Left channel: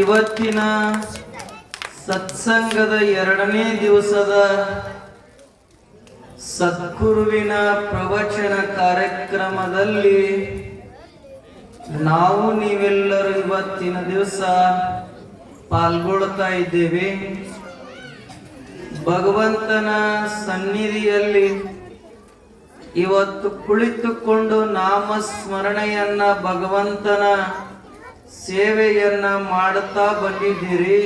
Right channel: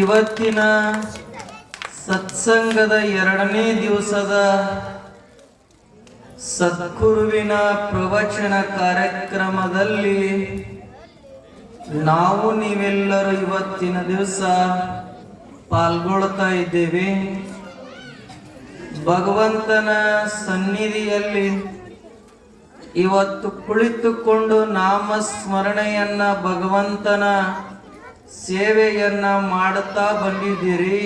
ಇವತ್ತಿನ ಸತ್ಸಂಗದ 2ನೇ ದಿವಸದ ಸದ್ಗುರುವಿನ ಪ್ರವಚನ ಕಾರ್ಯಕ್ರಮದಲ್ಲಿ ನಾವು ನೀವೆಲ್ಲರೂ ಇವತ್ತಿನ ದಿವಸ ಪಾಲ್ಗೊಳ್ತಾ ಇದ್ದೇವೆ. ಭಗವಂತನ ಸನ್ನಿಧಿಯಲ್ಲಿ ಇವತ್ತು ಕುಳಿತುಕೊಂಡು ನಾಮಸ್ಮರಣೆಯನ್ನ ಭಗವಂತನ ಸೇವೆಯನ್ನ ಮಾಡುತ್ತಾ ಬಂದಿದ್ದೀರಿ.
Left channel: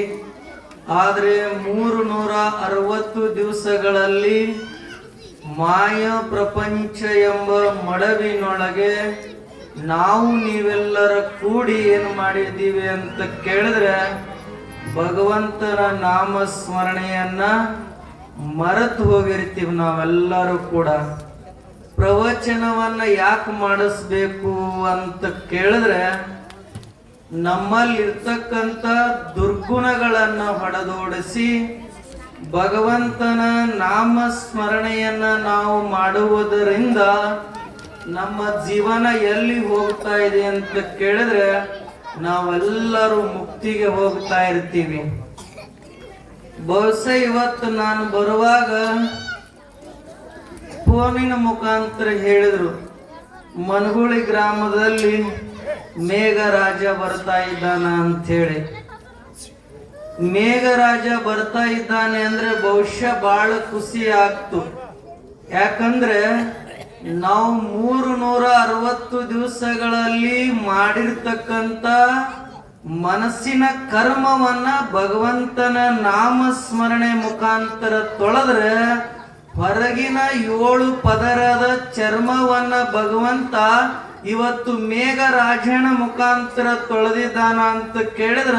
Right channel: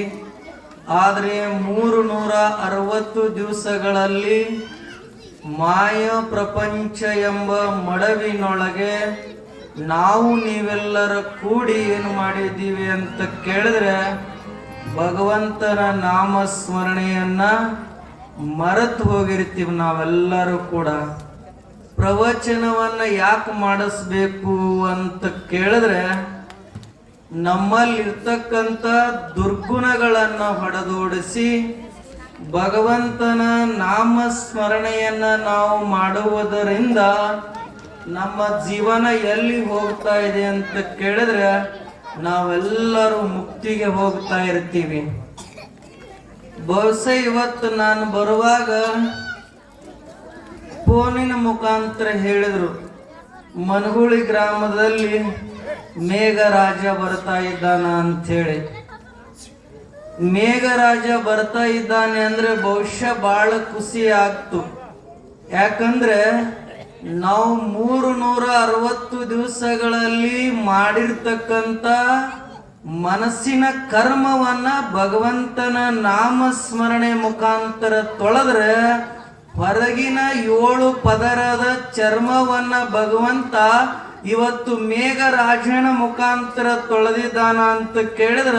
ಆದರೆ 360 ದಿವಸಗಳಲ್ಲಿ ಮಾಯ ಪ್ರಪಂಚ ಎಂಬ ಮಡವಿನೊಳಗೆ ನಾವು ನೀವೆಲ್ಲರ ಕೂಡಿ ಏನು ಮಾಡಿದ್ದೀವಿ ಅಂತ ಕೇಳಿದ್ರೆ ಭಗವಂತನ ನಾಮಸ್ಮರಣೆಯನ್ನ ಮರೆತು ಹೋಗಿರ್ತೀವಿ. ನಾವೆಲ್ಲರೂ ಕೂಡ ಪ್ರವಚನವನ್ನ ಯಾಕೆ ಮಾಡಿಸ್ಬೇಕು ಅಂತ ಕೇಳಿದ್ರೆ ನಮ್ಮಲ್ಲಿರ್ತಕ್ಕಂಥ ದುರ್ಗುಣಗಳನ್ನ ಹೊಡೆದೋಡಿಸಿ ಭಗವಂತನ ನಾಮಸ್ಮರಣೆಯನ್ನ ನಾವು ಮಾಡುವುದರಿಂದ ನಮ್ಮ ಜೀವನ ಎಲ್ಲಿ ಹೋಗ್ತಾ ಇದೆ ಅಂತ ಕೇಳಿದ್ರೆ ನಾವೆಲ್ಲರೂ ಮುಕ್ತಿಗೆ ಹೋಗ್ತಾ ಇರ್ತೀವಿ. ಬಹುಶಃ ಇವತ್ತು ನಾನು ಬರುವಾಗ ಫೋನಿನ ಮುಖಾಂತರ ಹೇಳಿದ್ರು, ಮನಗುಳಿ ಗ್ರಾಮದಲ್ಲಿ ಮೇಘರಾಜ ಬರ್ತಾ ಇದ್ದಾನ ಅಂತ ಹೇಳಿ. ಮೇಘರಾಜ ಬರ್ತಾ ಇದ್ದಾನೆ ಅಂದ್ರೆ ಬಹುಶಃ ಬಹಳ ಖುಷಿ ಆಗ್ತು. ಯಾಕಂದ್ರೆ ನಾವು 360 ದಿವಸಗಳಲ್ಲಿ ಮಾಡಿರ್ತಕ್ಕಂಥ ಮನಸ್ಸಿನ ಕರ್ಮವನ್ನ ಭಗವಂತನ ನಾಮಸ್ಮರಣೆ ಮುಖಾಂತರ ತೊಳೆದ್ರೆ ಹೊರಗಿನ 7 ಪದರದ ಚರ್ಮವನ್ನ ಭಗವಂತ ಇವತ್ತು ಮೇಘರಾಜನ ಮುಖಾಂತರ ತೊಳೆದಿದ್ದಾನ ಅಂತ ಕೇಳಿದ್ರ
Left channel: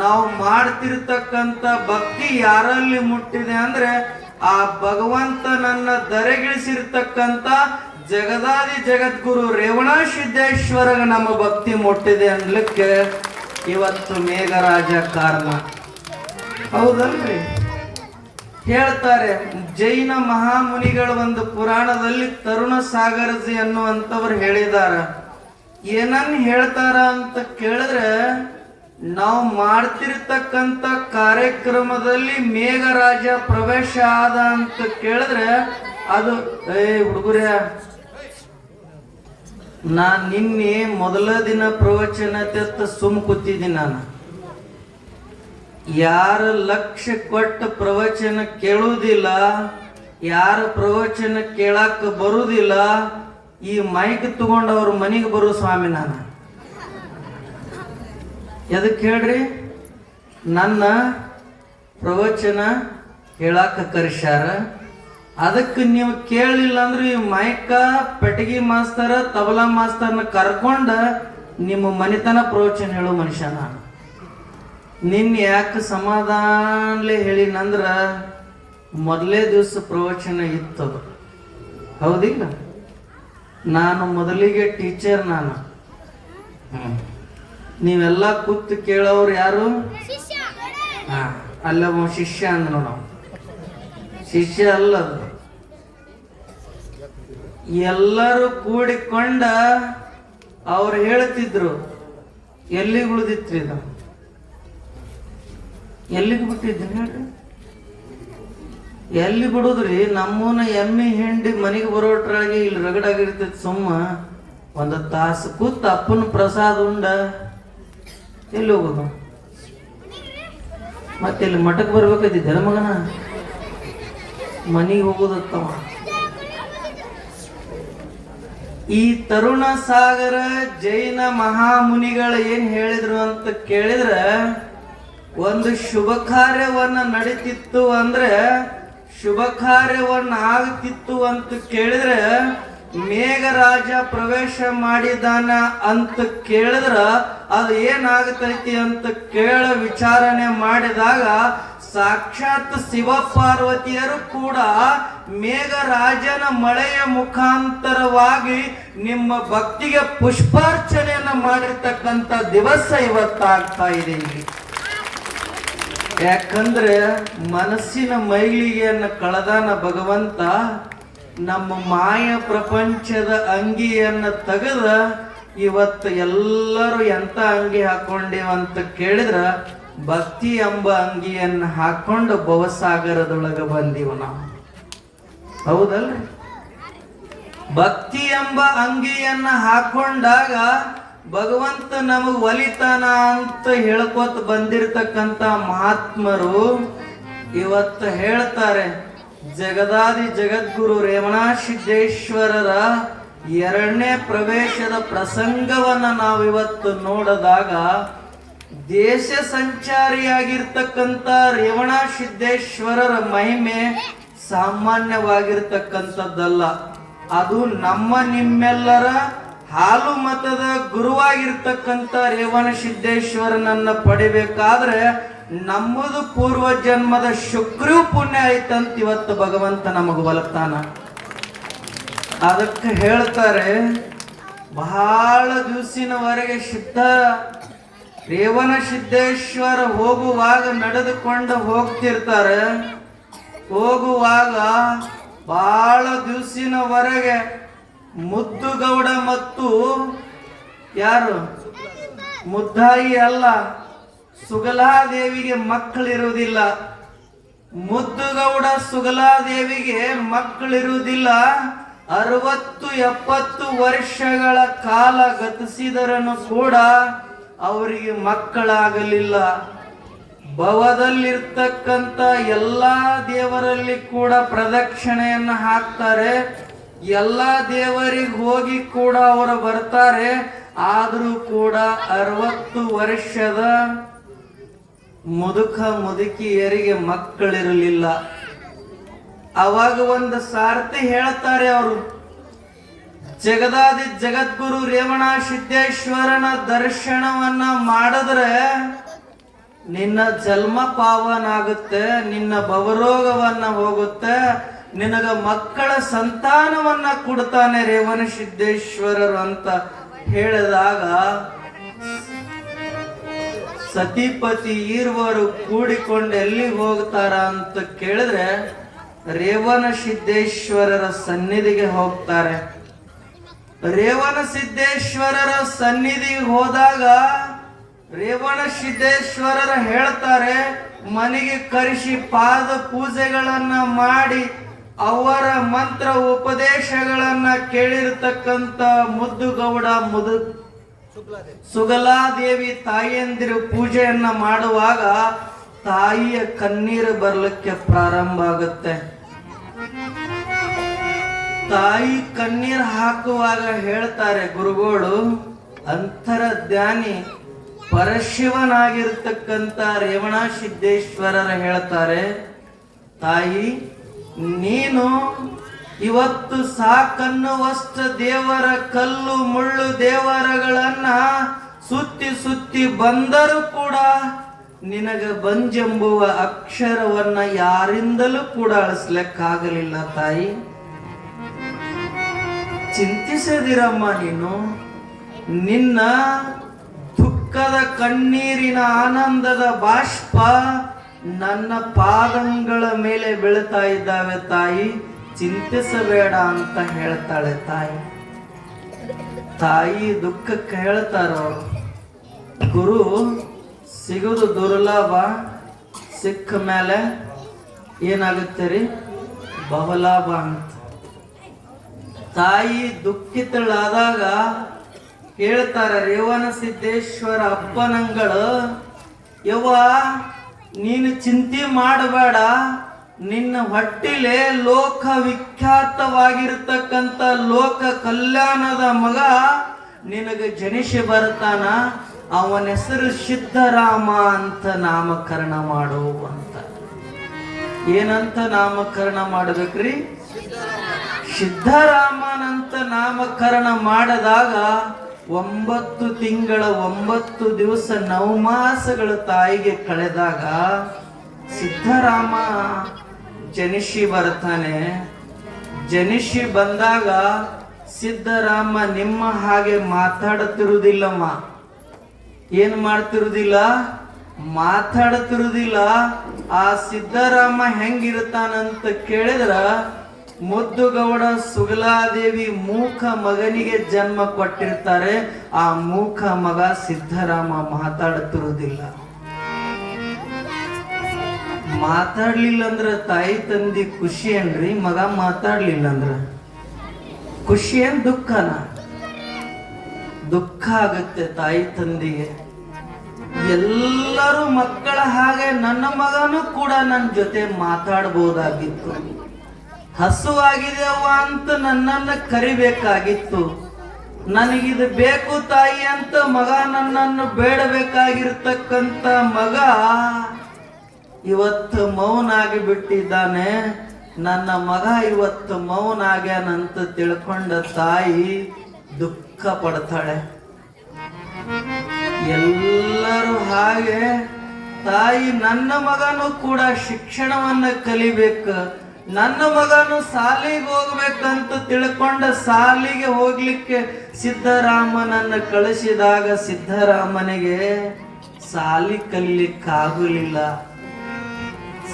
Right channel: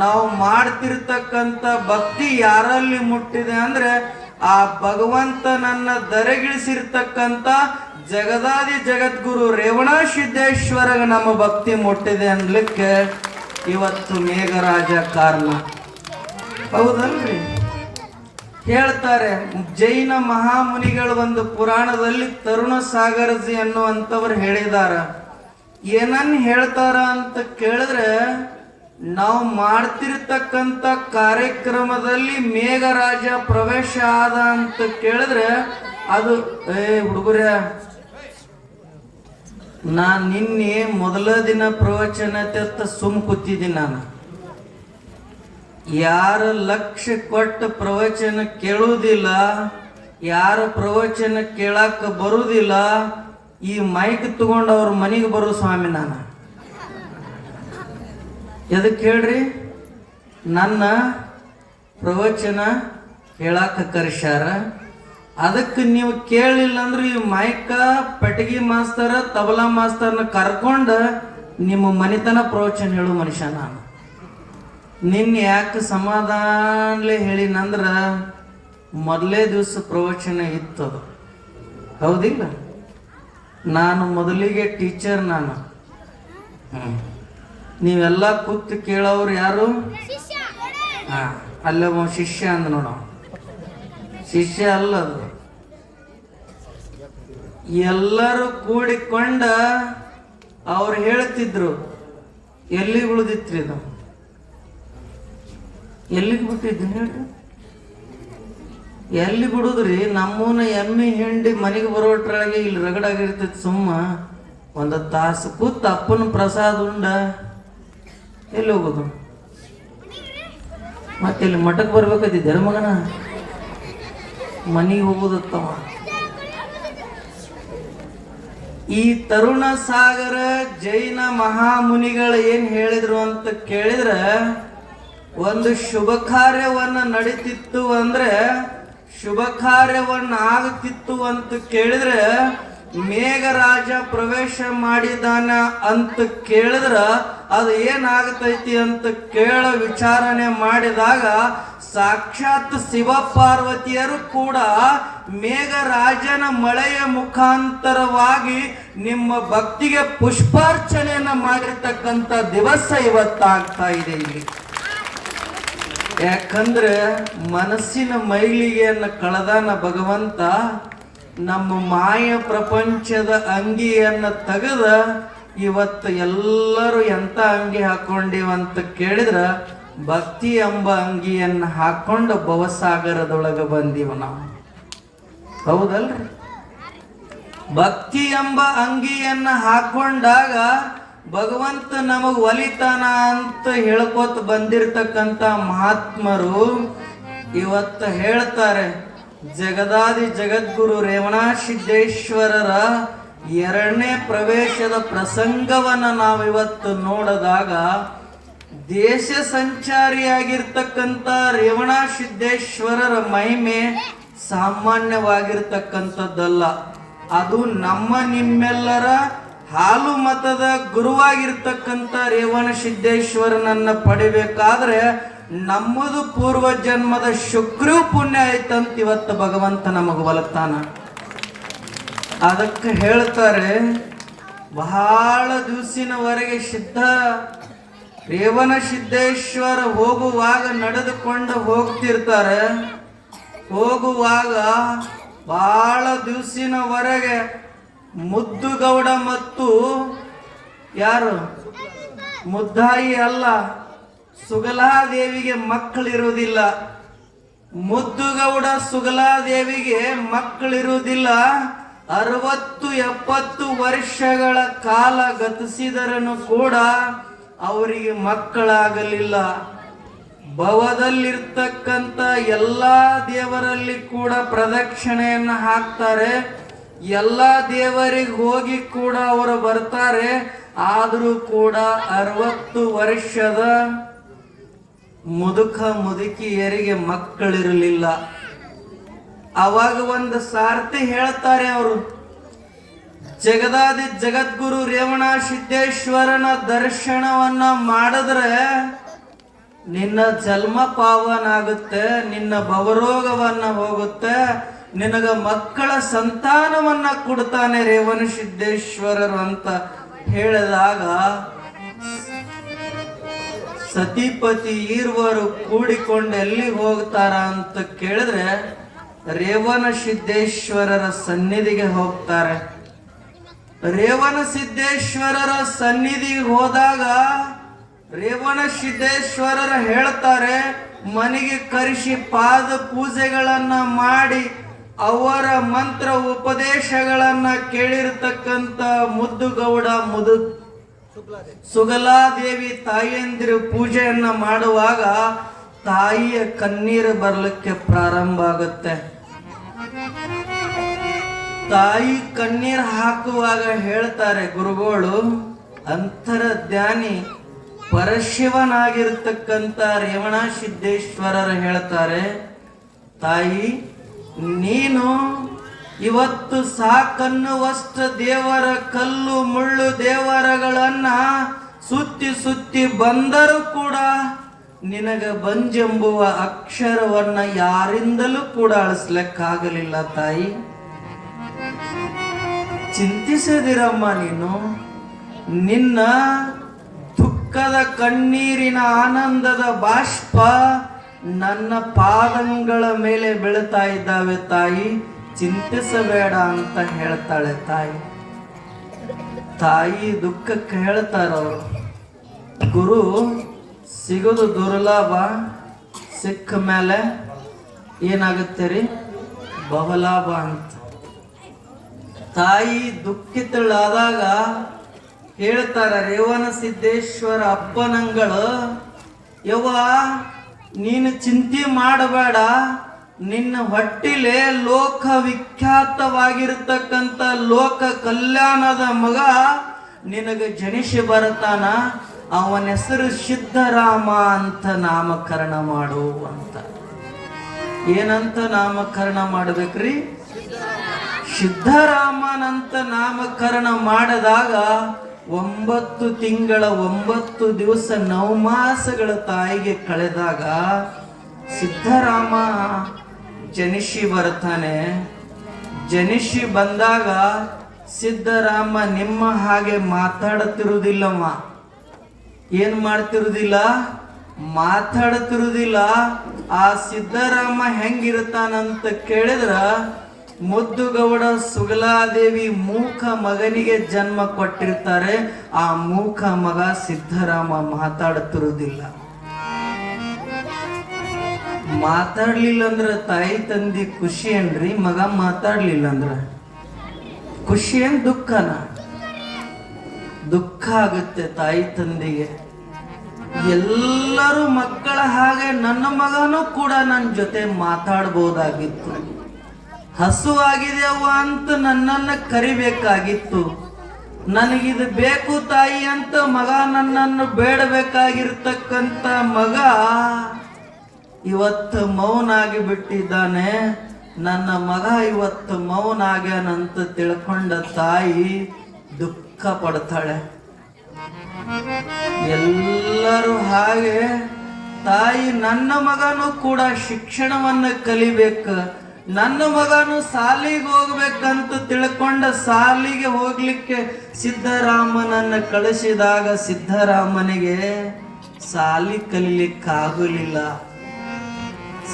ನಾವು ಮಾಡ್ತಿರ್ತಕ್ಕಂಥ ಭಕ್ತಿ ಯಾರಲ್ಲಿ ಮುಟ್ಟಿದೆ ಅಂದ್ರೆ ಆ ಭಗವಂತನನ್ನ ದರೆಗಿಳಿಸಿರ್ತಕ್ಕಂಥ ಜಗದಾದಿ ಜಗದ್ಗುರು ರೇವಣ ಸಿದ್ದೇಶ್ವರ ನಮ್ಮ ಭಕ್ತಿ ಮುಟ್ಟಿದೆ ಅನ್ಲಿಕ್ಕೆ ಇವತ್ತು ಮೇಘರಾಜ ಕಾರಣ. ಹೌದಲ್ರಿ? ಹೇಳ್ತಾರೆ ಜೈನ ಮಹಾಮುನಿಗಳ ಒಂದು ಪುರಾಣದಲ್ಲಿ ತರುಣ ಸಾಗರಜಿ ಅನ್ನುವಂಥವ್ರು ಹೇಳಿದಾರ. ಏನನ್ನ ಹೇಳ್ತಾರ ಅಂತ ಕೇಳಿದ್ರೆ ನಾವು ಮಾಡ್ತಿರ್ತಕ್ಕಂಥ ಕಾರ್ಯಕ್ರಮದಲ್ಲಿ ಮೇಘರಾಜ ಪ್ರವೇಶ ಆದ ಅಂತ ಕೇಳಿದ್ರೆ ಅದು ಹುಡುಗರ ನಾನ್ ನಿನ್ನೆ ಮೊದಲ ದಿನ ಪ್ರವಚನ ತೆತ್ತ ಸುಮ್ ಕೂತಿದ್ದೀನಿ. ನಾನು ಯಾರು ಲಕ್ಷ್ಯ ಕೊಟ್ಟ ಪ್ರವಚನ ಕೇಳುವುದಿಲ್ಲ, ಯಾರ ಪ್ರವಚನ ಕೇಳಾಕ ಬರುವುದಿಲ್ಲ, ಈ ಮೈಕ್ ತಗೊಂಡು ಅವ್ರ ಮನೆಗೆ ಬರೋ ಸ್ವಾಮಿ ನಾನು. ಎದಕ್ಕೆ ಹೇಳ್ರಿ? ನನ್ನ ಪ್ರವಚನ ಕೇಳಾಕ ಕರೆಸ್ಯಾರ, ಅದಕ್ಕೆ ನೀವು ಕೇಳಿಲ್ಲ ಅಂದ್ರೆ ಈ ಮೈಕ ಪೆಟಗಿ ಮಾಸ್ತರ್ ತಬಲಾ ಮಾಸ್ತರ್ನ ಕರ್ಕೊಂಡು ನಿಮ್ಮ ಮನೆತನ ಪ್ರವಚನ ಹೇಳೋ ಮನುಷ್ಯ ನಾನು. ನಿನ್ ಯಾಕೆ ಸಮಾಧಾನಲೇ ಹೇಳಿನಂದ್ರ ಮೊದಲೇ ದಿವಸ ಪ್ರವಚನ ಇತ್ತು. ಹೌದಿಲ್ಲ? ನಾನು ಮೊದಲಿಗೆ ಟೀಚರ್. ನಾನು ನೀವೆಲ್ಲ ಕೂತು ಕೇಳೋರು ಯಾರು? ಅಲ್ಲ ಶಿಷ್ಯ ಅಂದ ನೋಡ. ಶಿಷ್ಯ ಅಲ್ಲದು. ಎಲ್ಲರೂ ಕೂಡಿಕೊಂಡ ಅವ್ರು ಹೇಳ್ತಿದ್ರು. ಎಲ್ಲಿಗೆ ಉಳಿದಿತ್ರಿ ಇದು? ಎಲ್ಲಿಗೆ ಬಿಟ್ಟಿದ್ದೀನಿ ಹೇಳ್ರಿ? ಎಲ್ಲಿ ಬಿಡುದ್ರಿ? ನಮ್ಮೂನ ಎಮ್ಮೆ ಹಿಂಡಿ ಮನೆಗೆ ಬರೋಟ್ರಾಗೆ ಇಲ್ಲಿ ರಗಡಾಗಿರ್ತೈತಿ. ಸುಮ್ಮ ಒಂದು ತಾಸು ಕೂತ್ ಅಪ್ಪನ ಪ್ರಸಾದ ಉಂಡ ಎಲ್ಲಿ ಹೋಗೋದು? ಮತ್ತೆ ಇಲ್ಲಿ ಮಠಕ್ಕೆ ಬರ್ಬೇಕೈತಿ ಮಗನ, ಮನೆಗೆ ಹೋಗೋದತ್ತವ. ಈ ತರುಣ ಸಾಗರ ಜೈನ ಮಹಾಮುನಿಗಳು ಏನ್ ಹೇಳಿದ್ರು ಅಂತ ಕೇಳಿದ್ರೆ, ಒಂದು ಶುಭ ಕಾರ್ಯವನ್ನ ನಡೀತಿತ್ತು ಅಂದ್ರೆ ಶುಭ ಕಾರ್ಯವನ್ನ ಆಗ್ತಿತ್ತು ಅಂತ ಕೇಳಿದ್ರೆ ಮೇಘರಾಜ ಪ್ರವೇಶ ಮಾಡಿದಾನ ಅಂತ ಕೇಳಿದ್ರ ಅದು ಏನಾಗತೈತಿ ಅಂತ ವಿಚಾರಣೆ ಮಾಡಿದಾಗ ಸಾಕ್ಷಾತ್ ಶಿವ ಪಾರ್ವತಿಯರು ಕೂಡ ಮೇಘರಾಜನ ಮಳೆಯ ಮುಖಾಂತರವಾಗಿ ನಿಮ್ಮ ಭಕ್ತಿಗೆ ಪುಷ್ಪಾರ್ಚನೆಯನ್ನ ಮಾಡಿರ್ತಕ್ಕಂಥ ದಿವಸ ಇವತ್ತಾಗ್ತಾ ಇದೆ ಇಲ್ಲಿ. ಯಾಕಂದ್ರೆ ಮನಸ್ಸಿನ ಮೈಲಿಗೆಯನ್ನು ಕಳೆದಾನ ಭಗವಂತ. ನಮ್ಮ ಮಾಯ ಪ್ರಪಂಚದ ಅಂಗಿಯನ್ನ ತೆಗೆದ ಇವತ್ತು ಎಲ್ಲರೂ ಎಂತ ಅಂಗಿ ಹಾಕೊಂಡಿವಂತ ಕೇಳಿದ್ರ ಭಕ್ತಿ ಎಂಬ ಅಂಗಿಯನ್ನ ಹಾಕೊಂಡು ಭವಸಾಗರದೊಳಗ ಬಂದೀವ ನಾವು. ಹೌದಲ್ರಿ? ಭಕ್ತಿ ಎಂಬ ಅಂಗಿಯನ್ನ ಹಾಕೊಂಡಾಗ ಭಗವಂತ ನಮಗ್ ಒಲಿತಾನ ಅಂತ ಹೇಳ್ಕೋತ ಬಂದಿರತಕ್ಕಂತ ಮಹಾತ್ಮರು ಇವತ್ತು ಹೇಳ್ತಾರೆ, ಜಗದಾದಿ ಜಗದ್ಗುರು ರೇವಣ ಸಿದ್ದೇಶ್ವರರ 2ನೇ ಪ್ರವೇಶದ ಪ್ರಸಂಗವನ್ನ ನಾವಿವತ್ತು ನೋಡಿದಾಗ ದೇಶ ಸಂಚಾರಿಯಾಗಿರ್ತಕ್ಕಂಥ ರೇವಣ ಸಿದ್ದೇಶ್ವರರ ಮಹಿಮೆ ಸಾಮಾನ್ಯವಾಗಿರ್ತಕ್ಕಂಥದ್ದಲ್ಲ. ಅದು ನಮ್ಮ ನಿಮ್ಮೆಲ್ಲರ ಹಾಲು ಮತದ ಗುರುವಾಗಿರ್ತಕ್ಕಂಥ ರೇವಣ ಸಿದ್ದೇಶ್ವರನನ್ನ ಪಡಿಬೇಕಾದ್ರೆ ನಮ್ಮದು ಪೂರ್ವ ಜನ್ಮದ ಶುಕ್ರ ಪುಣ್ಯ ಆಯ್ತಂತ ಇವತ್ತು ಭಗವಂತ ನಮಗ ಒಲತಾನ. ಅದಕ್ಕೆ ಹೇಳ್ತಾರೆ, ಬಹಳ ದಿವಸಿನವರೆಗೆ ರೇವಣ ಸಿದ್ದೇಶ್ವರ ಹೋಗುವಾಗ ನಡೆದುಕೊಂಡು ಹೋಗ್ತಿರ್ತಾರೆ. ಹೋಗುವಾಗ ಬಹಳ ದಿವಸಿನವರೆಗೆ ಮುದ್ದುಗೌಡ ಮತ್ತು ಯಾರು ಮುದ್ದಾಯಿ ಅಲ್ಲ, ಸುಗಲಾದೇವಿಗೆ ಮಕ್ಕಳಿರುವುದಿಲ್ಲ. ಮುದ್ದುಗೌಡ ಸುಗಲಾದೇವಿಗೆ ಮಕ್ಕಳಿರುವುದಿಲ್ಲ. 60-70 ವರ್ಷಗಳ ಕಾಲ ಗತಿಸಿದರನು ಕೂಡ ಅವರಿಗೆ ಮಕ್ಕಳಾಗಲಿಲ್ಲ. ಭವದಲ್ಲಿರ್ತಕ್ಕಂಥ ಎಲ್ಲಾ ದೇವರಲ್ಲಿ ಕೂಡ ಪ್ರದಕ್ಷಿಣೆಯನ್ನ ಹಾಕ್ತಾರೆ. ಎಲ್ಲಾ ದೇವರಿಗೆ ಹೋಗಿ ಕೂಡ ಅವರು ಬರ್ತಾರೆ. ಆದರೂ ಕೂಡ 60 ವರ್ಷದ ಮುದುಕ ಮುದುಕಿಯರಿಗೆ ಮಕ್ಕಳಿರಲಿಲ್ಲ. ಅವಾಗ ಒಂದು ಸಾರ್ತಿ ಹೇಳ್ತಾರೆ ಅವರು, ಜಗದಾದಿ ಜಗದ್ಗುರು ರೇವಣ ಸಿದ್ದೇಶ್ವರನ ದರ್ಶನವನ್ನ ಮಾಡಿದ್ರೆ ನಿನ್ನ ಜನ್ಮ ಪಾವನಾಗುತ್ತೆ, ನಿನ್ನ ಭವರೋಗವನ್ನ ಹೋಗುತ್ತೆ, ನಿನಗ ಮಕ್ಕಳ ಸಂತಾನವನ್ನ ಕೊಡ್ತಾನೆ ರೇವಣ ಸಿದ್ದೇಶ್ವರರು ಅಂತ ಹೇಳಿದಾಗ ಸತಿಪತಿ ಇರುವರು ಕೂಡಿಕೊಂಡು ಎಲ್ಲಿ ಹೋಗ್ತಾರ ಅಂತ ಕೇಳಿದ್ರೆ ರೇವಣ ಸಿದ್ದೇಶ್ವರರ ಸನ್ನಿಧಿಗೆ ಹೋಗ್ತಾರೆ. ರೇವಣ ಸಿದ್ದೇಶ್ವರರ ಸನ್ನಿಧಿಗೆ ಹೋದಾಗ ರೇವಣ ಸಿದ್ದೇಶ್ವರರ ಹೇಳ್ತಾರೆ, ಮನೆಗೆ ಕರೆಸಿ ಪಾದ ಪೂಜೆಗಳನ್ನ ಮಾಡಿ ಅವರ ಮಂತ್ರ ಉಪದೇಶಗಳನ್ನ ಕೇಳಿರ್ತಕ್ಕಂಥ ಮುದ್ದುಗೌಡ ಸುಗಲಾದೇವಿ ತಾಯಿಯಂದಿರು ಪೂಜೆಯನ್ನ ಮಾಡುವಾಗ ತಾಯಿಯ ಕಣ್ಣೀರು ಬರ್ಲಿಕ್ಕೆ ಪ್ರಾರಂಭ ಆಗುತ್ತೆ. ತಾಯಿ ಕಣ್ಣೀರು ಹಾಕುವಾಗ ಹೇಳ್ತಾರೆ ಗುರುಗಳು, ಅಂತರಧ್ಯಾನಿ ಪರಶಿವನಾಗಿರ್ತಕ್ಕಂಥ ರೇವಣ ಸಿದ್ದೇಶ್ವರರ ಹೇಳ್ತಾರೆ, ತಾಯಿ ನೀನು ಇವತ್ತು ಸಾಕನ್ನುವಷ್ಟು ದೇವರ ಕಲ್ಲು ಮುಳ್ಳು ದೇವರಗಳನ್ನ ಸುತ್ತಿ ಸುತ್ತಿ ಬಂದರೂ ಕೂಡ ನಿನಗ ಬಂಜೆಂಬುವ ಅಕ್ಷರವನ್ನ ಯಾರಿಂದಲೂ ಕೂಡ ಅಳಿಸ್ಲಿಕ್ಕಾಗಲಿಲ್ಲ. ತಾಯಿ ಚಿಂತಿಸದಿರಮ್ಮ, ನೀನು ನಿನ್ನ ದುಃಖದ ಕಣ್ಣೀರಿನ ಆನಂದದ ಬಾಷ್ಪ ನನ್ನ ಪಾದಗಳ ಮೇಲೆ ಬೀಳ್ತಾ ಇದ್ದಾವೆ ತಾಯಿ, ಚಿಂತಿಸಬೇಡ ಅಂತ ಹೇಳ್ತಾಳೆ ತಾಯಿ. ತಾಯಿ ದುಃಖಕ್ಕೆ ಹೇಳ್ತಾರ, ಗುರು ಸಿಗೋದು ದುರ್ಲಭ, ಸಿಕ್ಕ ಮೇಲೆ ಏನಾಗುತ್ತೆ ರೀ ಬಹುಲಾಭ ಅಂತ. ತಾಯಿ ದುಃಖಿತಳಾದಾಗ ಹೇಳ್ತಾರ ರೇವಣ ಸಿದ್ದೇಶ್ವರ ಅಪ್ಪನಂಗಳು, ಯವ್ವ ನೀನು ಚಿಂತೆ ಮಾಡಬೇಡ, ನಿನ್ನ ಹೊಟ್ಟಿಲೆ ಲೋಕ ವಿಖ್ಯಾತವಾಗಿರ್ತಕ್ಕಂಥ ಲೋಕ ಕಲ್ಯಾಣದ ಮಗ ನಿನಗೆ ಜನಿಸಿ ಬರ್ತಾನ, ಅವನ ಹೆಸರು ಸಿದ್ಧರಾಮ ಅಂತ ನಾಮಕರಣ ಮಾಡು ಅಂತ. ಏನಂತ ನಾಮಕರಣ ಮಾಡ್ಬೇಕ್ರಿ? ಸಿದ್ಧರಾಮನಂತ ನಾಮಕರಣ ಮಾಡಿದಾಗ 9 ತಿಂಗಳ 9 ದಿವಸ 9 ಮಾಸಗಳ ತಾಯಿಗೆ ಕಳೆದಾಗ ಸಿದ್ಧರಾಮ ಜನಿಸಿ ಬರ್ತಾನೆ. ಜನಿಸಿ ಬಂದಾಗ ಸಿದ್ಧರಾಮ ನಿಮ್ಮ ಹಾಗೆ ಮಾತಾಡುತ್ತಿರುವುದಿಲ್ಲಮ್ಮ. ಏನ್ ಮಾಡ್ತಿರುವುದಿಲ್ಲ? ಮಾತಾಡುತ್ತಿರುವುದಿಲ್ಲ. ಆ ಸಿದ್ಧರಾಮ ಹೆಂಗಿರ್ತಾನಂತ ಕೇಳಿದ್ರ ಮುದ್ದುಗೌಡ ಸುಗಲಾದೇವಿ ಮೂಕ ಮಗನಿಗೆ ಜನ್ಮ ಕೊಟ್ಟಿರ್ತಾರೆ. ಆ ಮೂಕ ಮಗ ಸಿದ್ದರಾಮ ಮಾತಾಡುತ್ತಿರುವುದಿಲ್ಲ. ಮಾತಾಡ್ಲಿಲ್ಲ ಅಂದ್ರ ತಾಯಿ ತಂದಿ ಖುಷಿ ಏನ್ರಿ? ಮಗ ಮಾತಾಡ್ಲಿಲ್ಲ ಅಂದ್ರ ಖುಷಿ ಏನ್ ದುಃಖನ? ದುಃಖ ಆಗತ್ತೆ ತಾಯಿ ತಂದಿಗೆ. ಎಲ್ಲರೂ ಮಕ್ಕಳ ಹಾಗೆ ನನ್ನ ಮಗನೂ ಕೂಡ ನನ್ನ ಜೊತೆ ಮಾತಾಡ್ಬೋದಾಗಿತ್ತು. ಹಸುವಾಗಿದೆ ಅವ್ವ ಅಂತ ನನ್ನನ್ನ ಕರಿಬೇಕಾಗಿತ್ತು. ನನಗಿದು ಬೇಕು ತಾಯಿ ಅಂತ ಮಗ ನನ್ನನ್ನು ಬೇಡಬೇಕಾಗಿರ್ತಕ್ಕಂಥ ಮಗ ಇವತ್ತು ಮೌನ ಆಗಿ ಬಿಟ್ಟಿದ್ದಾನೆ. ನನ್ನ ಮಗ ಇವತ್ತು ಮೌನ ಆಗ್ಯಾನಂತ ತಿಳ್ಕೊಂಡ ತಾಯಿ ದುಃಖ ಪಡ್ತಾಳೆ. ಎಲ್ಲರೂ ಹಾಗೆ ತಾಯಿ ನನ್ನ ಮಗನೂ ಕೂಡ ಶಿಕ್ಷಣವನ್ನ ಕಲಿಬೇಕು, ನನ್ನ ಮಗನು ಸಾಲಿಗೆ ಹೋಗ್ಬೇಕಂತ ತಿಳ್ಕೊಂಡ ಸಾಲಿಗೆ ಹೋಗ್ಲಿಕ್ಕೆ ಸಿದ್ದರಾಮನನ್ನು ಕಳಿಸಿದಾಗ ಸಿದ್ದರಾಮನಿಗೆ ಸಾಲಿ ಕಲಿಲಿಕ್ಕಾಗಲಿಲ್ಲ.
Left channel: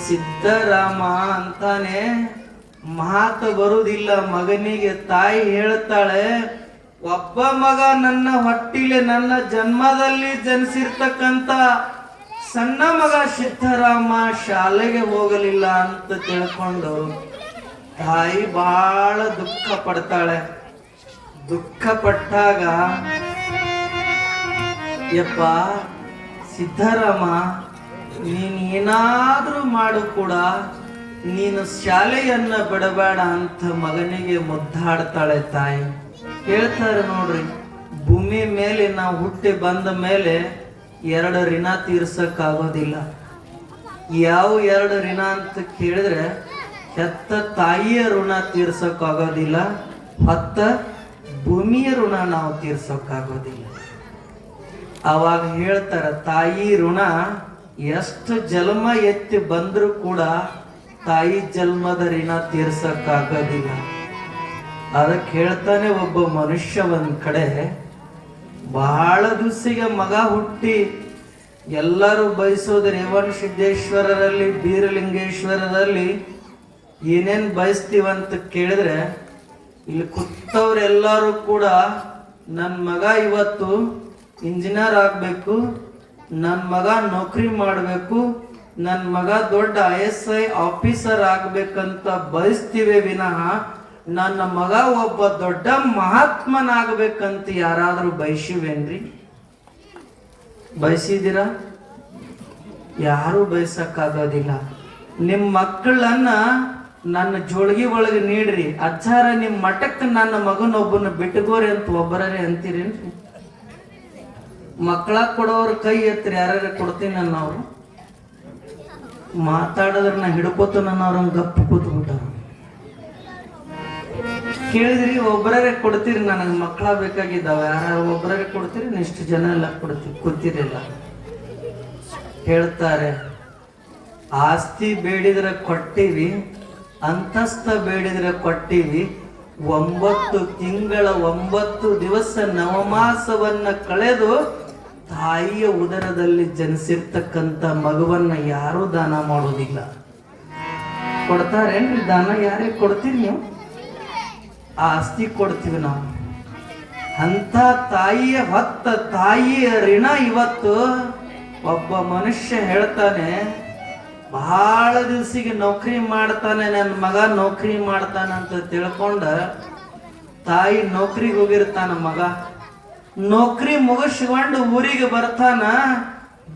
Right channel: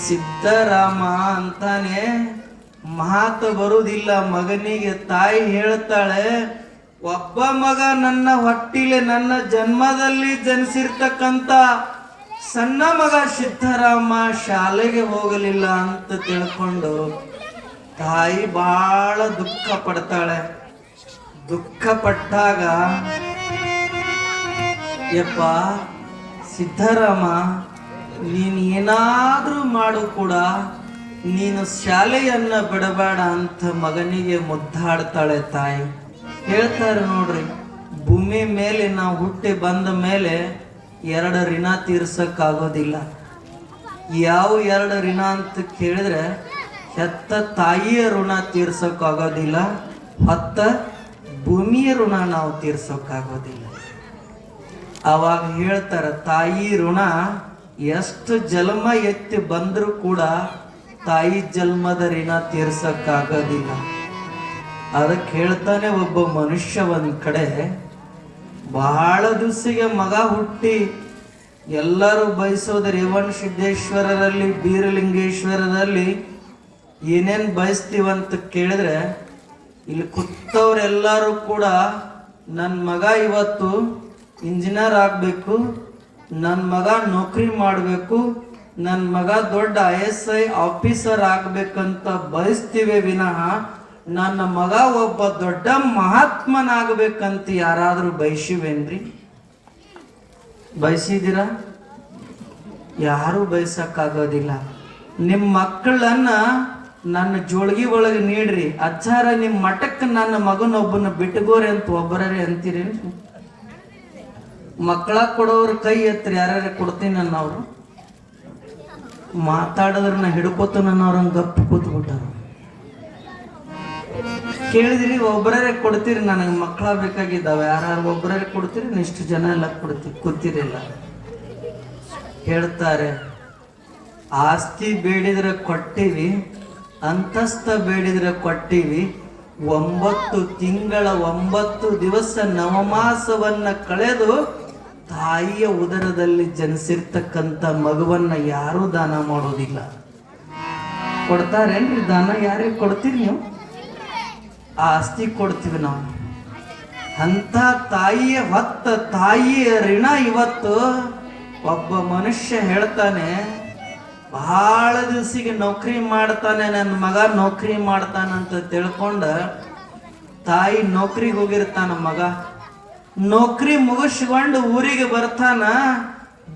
ಸಿದ್ದರಾಮ ಅಂತಾನೆ ಮಾತು ಬರುವುದಿಲ್ಲ ಮಗನಿಗೆ. ತಾಯಿ ಹೇಳ್ತಾಳೆ, ಒಬ್ಬ ಮಗ ನನ್ನ ಹೊಟ್ಟಿಲೆ ನನ್ನ ಜನ್ಮದಲ್ಲಿ ಜನಿಸಿರ್ತಕ್ಕಂಥ ಸಣ್ಣ ಮಗ ಸಿದ್ದರಾಮ ಶಾಲೆಗೆ ಹೋಗಲಿಲ್ಲ ಅಂತ ತಿಳ್ಕೊಂಡು ತಾಯಿ ಬಹಳ ದುಃಖ ಪಡ್ತಾಳೆ. ದುಃಖ ಪಟ್ಟಾಗ, ಯಪ್ಪ ಸಿದ್ದರಾಮ, ನೀನು ಏನಾದ್ರೂ ಮಾಡು ಕೂಡ ನೀನು ಶಾಲೆಯನ್ನ ಬಿಡಬೇಡ ಅಂತ ಮಗನಿಗೆ ಮುದ್ದಾಡ್ತಾಳೆ ತಾಯಿ. ಹೇಳ್ತಾರೆ ನೋಡ್ರಿ, ಭೂಮಿ ಮೇಲೆ ನಾವು ಹುಟ್ಟಿ ಬಂದ ಮೇಲೆ 2 ಋಣ ತೀರ್ಸಕ್ಕಾಗೋದಿಲ್ಲ. ಯಾವ 2 ಋಣ ಅಂತ ಕೇಳಿದ್ರೆ, ಹೆತ್ತ ತಾಯಿಯ ಋಣ ತೀರ್ಸಕ್ಕಾಗೋದಿಲ್ಲ, ಹೊತ್ತ ಭೂಮಿಯ ಋಣ ನಾವು ತೀರ್ಸಕ್ಕಾಗೋದಿಲ್ಲ. ಅವಾಗ ಹೇಳ್ತಾರ, ತಾಯಿ ಋಣ ಎಷ್ಟು ಜನ್ಮ ಎತ್ತಿ ಬಂದರೂ ಕೂಡ ತಾಯಿ ಜನ್ಮದ ಋಣ ತೀರ್ಸಕ್ಕಾಗೋದಿಲ್ಲ. ಅದಕ್ಕೆ ಹೇಳ್ತಾನೆ, ಒಬ್ಬ ಮನುಷ್ಯ ಒಂದ್ ಕಡೆ ಬಹಳ ದಿವಸಿಗೆ ಮಗ ಹುಟ್ಟಿ ಎಲ್ಲರೂ ಬಯಸೋದು ರೇವಣ ಸಿದ್ದೇಶ್ವರರಲ್ಲಿ, ಬೀರಲಿಂಗೇಶ್ವರರಲ್ಲಿ ಏನೇನ್ ಬಯಸ್ತೀವಂತ ಕೇಳಿದ್ರೆ, ಇಲ್ಲಿ ಕೂತವ್ರೆಲ್ಲರೂ ಕೂಡ ನನ್ನ ಮಗ ಇವತ್ತು ಇಂಜಿನಿಯರ್ ಆಗ್ಬೇಕು, ನನ್ನ ಮಗ ನೌಕರಿ ಮಾಡಬೇಕು, ನನ್ನ ಮಗ ದೊಡ್ಡ ISI ಆಫೀಸರ್ ಆಗ್ಬೇಕಂತ ಬಯಸ್ತೀವಿ ವಿನಃ ನನ್ನ ಮಗ ಒಬ್ಬ ದೊಡ್ಡ ಮಹಾತ್ಮನಾಗಬೇಕಂತ ಯಾರಾದ್ರೂ ಬಯಸಿವೇನ್ರಿ? ಬಯಸಿದ್ದೀರಾ? ಯಾರು ಬಯಸಕ್ಕಾಗೋದಿಲ್ಲ. ನಿಮ್ಮ ಮಕ್ಕಳನ್ನ ನನ್ನ ಜೋಳಿಗೆ ಒಳಗೆ ನೀಡ್ರಿ, ಅಜ್ಜಾರ ನಿಮ್ಮ ಮಠಕ್ಕೆ ನನ್ನ ಮಗನೊಬ್ಬನ ಬಿಟ್ಟಗೋರಿ ಅಂತ ಒಬ್ಬರೇ ಅಂತೀರೇನ್ರಿ? ಮಕ್ಕಳ ಕೊಡೋರು ಕೈ ಎತ್ತರಿ, ಯಾರ್ಯಾರ ಕೊಡ್ತೀನಿ ಅನ್ನೋರು ಮಾತಾಡಿದ್ರೆ ನಾ ಹಿಡ್ಕೋತ ನನ್ನವ್ರಂಗ ಗಪ್ಪು ಕೂತ್ಬಿಟ್ಟ. ಕೇಳಿದ್ರಿ, ಒಬ್ಬರೇ ಕೊಡ್ತೀರಿ, ನನಗೆ ಮಕ್ಕಳ ಬೇಕಾಗಿದ್ದಾವೆ, ಯಾರು ಒಬ್ಬರೇ ಕೊಡ್ತೀರಿ? ಇಷ್ಟು ಜನ ಎಲ್ಲ ಕೊಡ್ತೀವಿ, ಕೂತಿರಿಲ್ಲ. ಹೇಳ್ತಾರೆ, ಆಸ್ತಿ ಬೇಡಿದ್ರೆ ಕೊಟ್ಟಿವಿ, ಅಂತಸ್ತ ಬೇಡಿದ್ರೆ ಕೊಟ್ಟಿವಿ, 9 ತಿಂಗಳ 9 ದಿವಸ ನವಮಾಸವನ್ನ ಕಳೆದು ತಾಯಿಯ ಉದರದಲ್ಲಿ ಜನಿಸಿರ್ತಕ್ಕಂಥ ಮಗುವನ್ನ ಯಾರೂ ದಾನ ಮಾಡೋದಿಲ್ಲ. ಕೊಡ್ತಾರೇನ್ರಿ ದಾನ? ಯಾರಿಗೆ ಕೊಡ್ತೀರಿ ನೀವು? ಆಸ್ತಿ ಕೊಡ್ತೀವಿ ನಾವು. ಅಂತ ತಾಯಿಯ ಹೊತ್ತ ತಾಯಿಯ ಋಣ ಇವತ್ತು ಒಬ್ಬ ಮನುಷ್ಯ ಹೇಳ್ತಾನೆ, ಬಹಳ ದಿವಸಿಗೆ ನೌಕರಿ ಮಾಡ್ತಾನೆ, ನನ್ನ ಮಗ ನೌಕರಿ ಮಾಡ್ತಾನಂತ ತಿಳ್ಕೊಂಡ ತಾಯಿ ನೌಕರಿಗೆ ಹೋಗಿರ್ತಾನ. ಮಗ ನೌಕರಿ ಮುಗಿಸ್ಕೊಂಡು ಊರಿಗೆ ಬರ್ತಾನ.